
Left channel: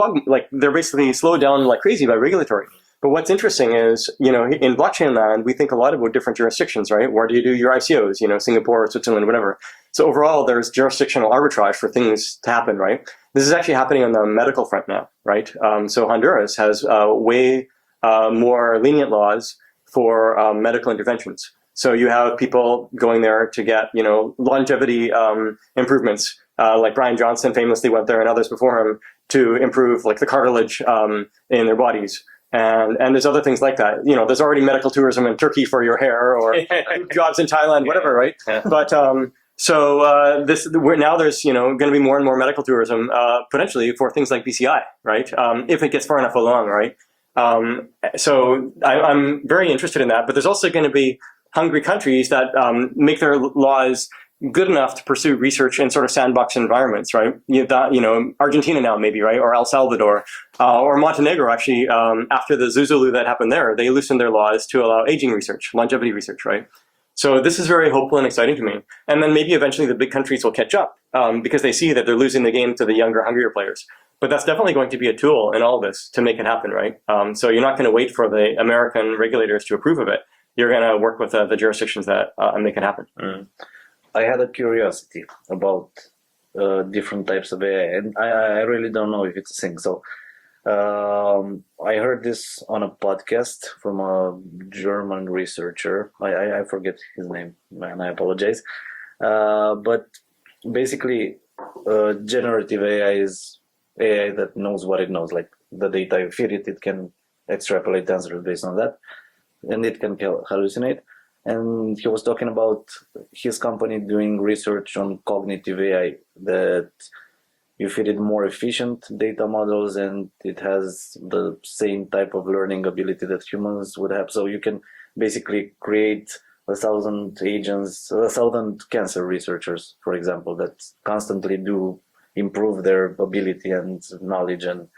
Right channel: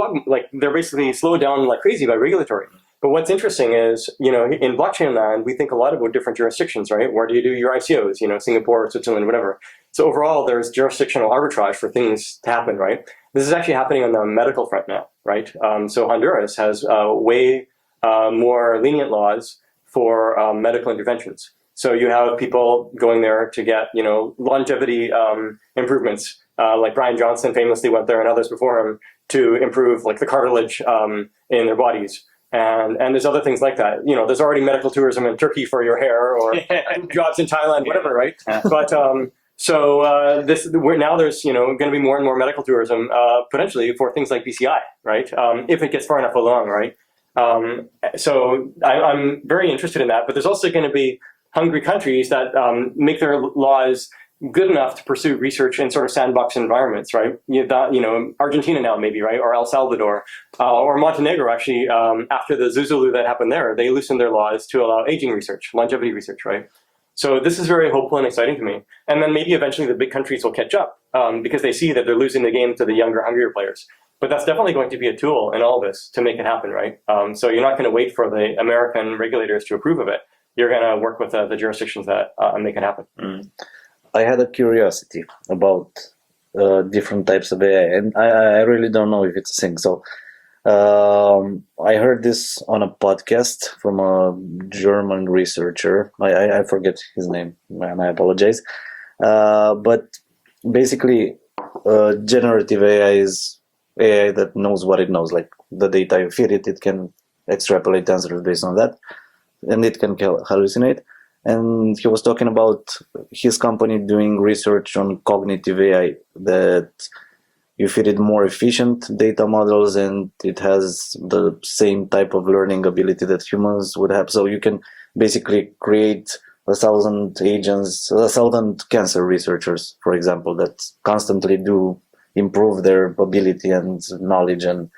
they're basically slowed down like crazy by regulatory. But what's interesting is, in blockchain land, we think a lot about different jurisdictions, right? Where do you do your ICOs, Singapore, Switzerland, whatever. So overall, there's jurisdictional arbitrage for things to happen, right? This is actually happening on the medical front now, right? So Honduras has way more lenient laws for medical interventions. So you have people going there to get, longevity improvements, like Brian Johnson famously went there and others before him to improve like the cartilage in their bodies. And there's other things like that. There's already medical tourism in Turkey for your hair or jobs in Thailand, whatever, right? But now there's going to be more and more medical tourism potentially for things like BCI, right? If it gets far enough along, right? So I'm very interested in that. But there's also going to be hungry countries that make their laws good enough to pursue research in sort of sandbox environments, right? Argentina now maybe, right? Or El Salvador, or Montenegro actually, after the Zuzulu that happened there, they loosened their laws to allow aging research, longevity research, right? So this is very hopeful and exciting to me. And then maybe eventually the big countries will catch up because they see that they're losing the game to the younger, hungrier players. But that's definitely going to be a tool in all this to make it happen, right? So you're not going to wait for the American regulators to approve of it. You're going to work with the jurisdictions that make it happen. I had a curiosity about different types of AI, and I really don't know if it's a thing. So I heard this on a podcast from a German researcher. I forget his name, and I apologize. But basically, generative AI is AI that knows what it knows. Like the data you feed it, it can extrapolate answers based on that, and it can hallucinate. And he was talking about his company doing research on cognitive AI, that you feed it more efficient data models and it has the same type of learning ability that humans would have. So you can basically create 1,000 agents, 1,000 cancer researchers, for example, that constantly do improve their ability and knowledge. And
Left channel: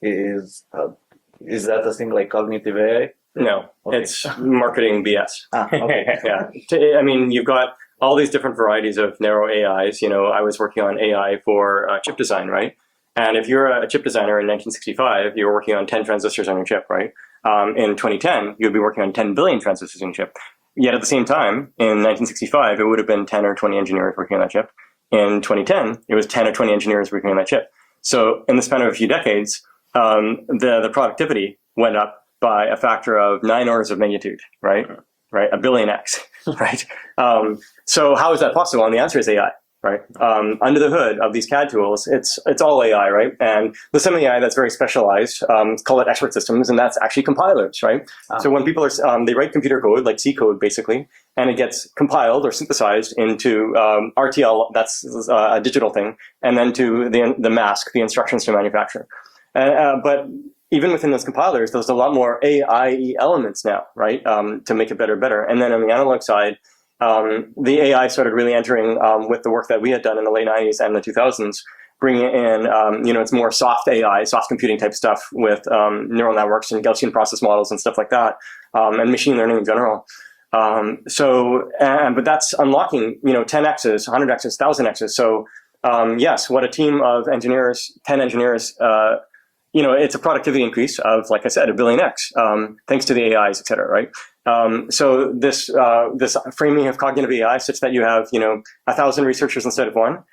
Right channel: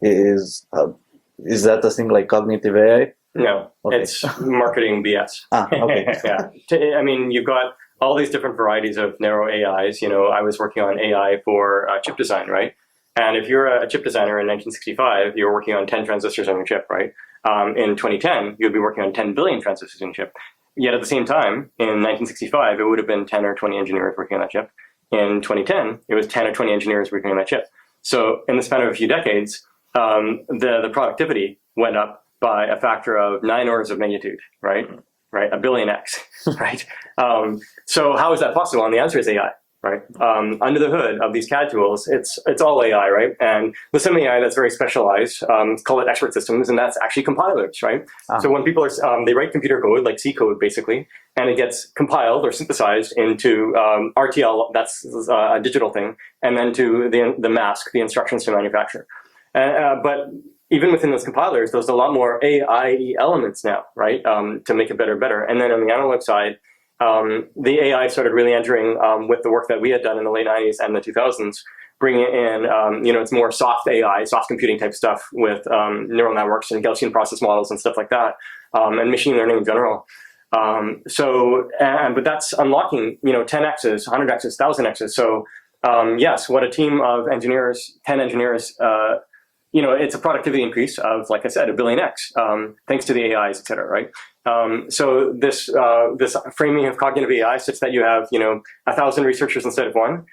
is that a thing like cognitive AI? No, Okay. It's marketing BS. Okay. Yeah. I mean, you've got all these different varieties of narrow AIs. I was working on AI for chip design, right? And if you're a chip designer in 1965, you were working on 10 transistors on your chip, right? In 2010, you'd be working on 10 billion transistors on your chip. Yet at the same time, in 1965, it would have been 10 or 20 engineers working on that chip. In 2010, it was 10 or 20 engineers working on that chip. So in the span of a few decades, the productivity went up by a factor of 9 orders of magnitude, right? Right, 1 billion X, right? So how is that possible? And the answer is AI, right? Under the hood of these CAD tools, it's all AI, right? And there's some AI that's very specialized, call it expert systems, and that's actually compilers, right? So when people are, they write computer code, like C code basically, and it gets compiled or synthesized into RTL, that's a digital thing, and then to the mask, the instructions to manufacture. But even within those compilers, there's a lot more AI elements now, right, to make it better. And then on the analog side, the AI started really entering with the work that we had done in the late 90s and the 2000s, bringing in, it's more soft AI, soft computing type stuff with neural networks and Gaussian process models and stuff like that, and machine learning in general. But that's unlocking, 10x's, 100x's, 1000x's. So yes, what a team of engineers, 10 engineers, it's a productivity increase of, like I said, 1 billion X, thanks to the AIs, et cetera, right? So this framing of cognitive AI, such that you have 1,000 researchers instead of one,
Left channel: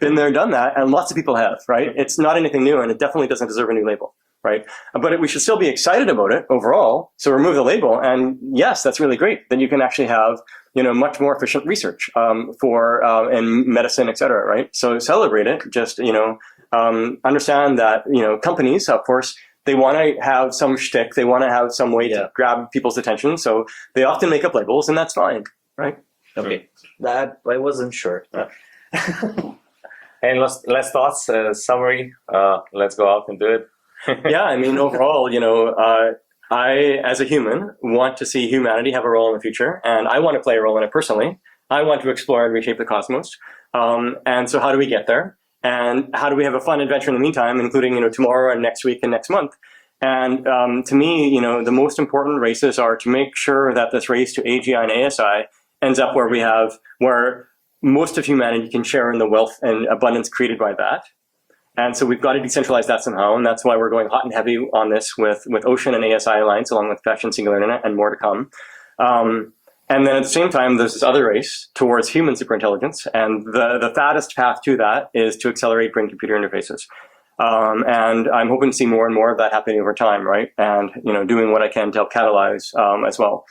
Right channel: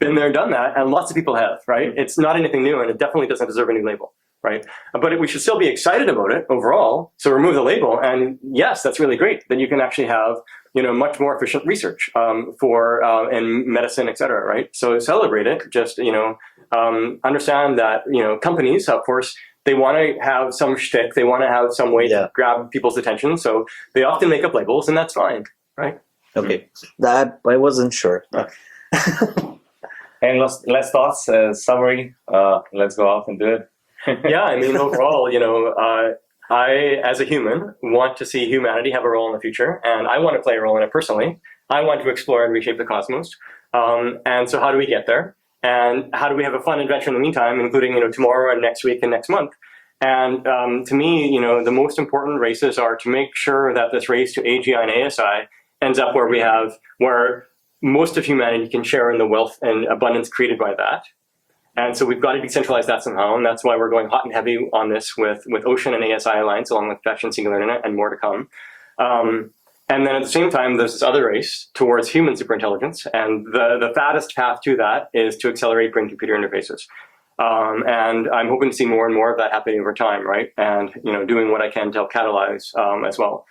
been there, done that, and lots of people have, right? It's not anything new, and it definitely doesn't deserve a new label, right? But we should still be excited about it overall. So remove the label, and yes, that's really great. Then you can actually have much more efficient research for in medicine, et cetera, right? So celebrate it. Just understand that companies, of course, they want to have some shtick. They want to have some way to grab people's attention. So they often make up labels, and that's fine, right? Okay, that I wasn't sure. And last thoughts, summary. Let's go out and do it. Yeah, I mean, overall, I, as a human, want to see humanity have a role in the future, and I want to play a role in it personally. I want to explore and reshape the cosmos. And so how do we get there? And how do we have a fun adventure in the meantime, including tomorrow and next week and next month? And to me, the most important races are to make sure that this race to AGI and ASI ends up where most of humanity can share in the wealth and abundance created by that. And so we've got to decentralize that somehow, and that's why we're going hot and heavy on this with Ocean and ASI Alliance, along with Fashion Singular Internet, and more to come. And then at the same time, there's this other race towards human superintelligence, and the fattest path to that is to accelerate brain-computer interfaces. And I'm hoping to see more and more of that happening over time, right? And doing what I can to help catalyze as well.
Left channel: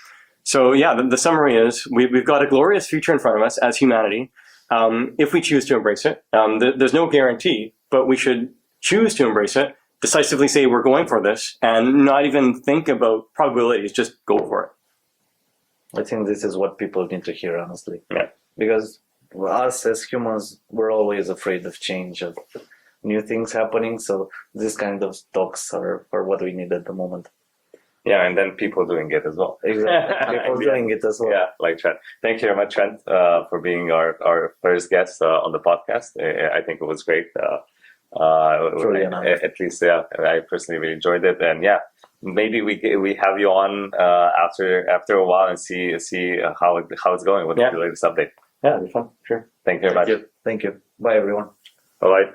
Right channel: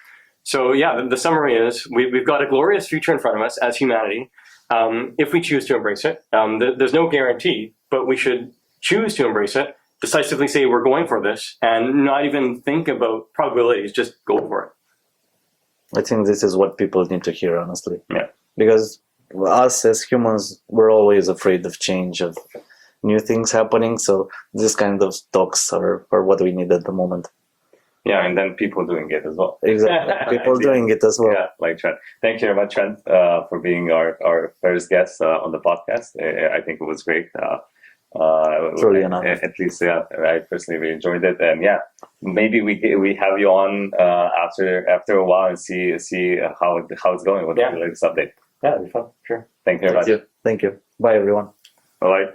So yeah, the summary is we've got a glorious future in front of us as humanity, if we choose to embrace it. There's no guarantee, but we should choose to embrace it, decisively say we're going for this, and not even think about probabilities, just go for it. I think this is what people need to hear, honestly. Yeah. Because us as humans, we're always afraid of change, of new things happening. So this kind of talks are what we need at the moment. Yeah, and then people doing it as well. Exactly. People doing it as well. Yeah, like Trent. Thank you very much, Trent, for being our first guest on the podcast. I think it was great. Truly enough. At least, yeah, I personally really enjoyed it. And yeah, maybe we have you on after a while and see how it's going with the latest update. Yeah, it'd be fun. Sure. Thank you very much. Thank you. Bye, everyone. Bye-bye.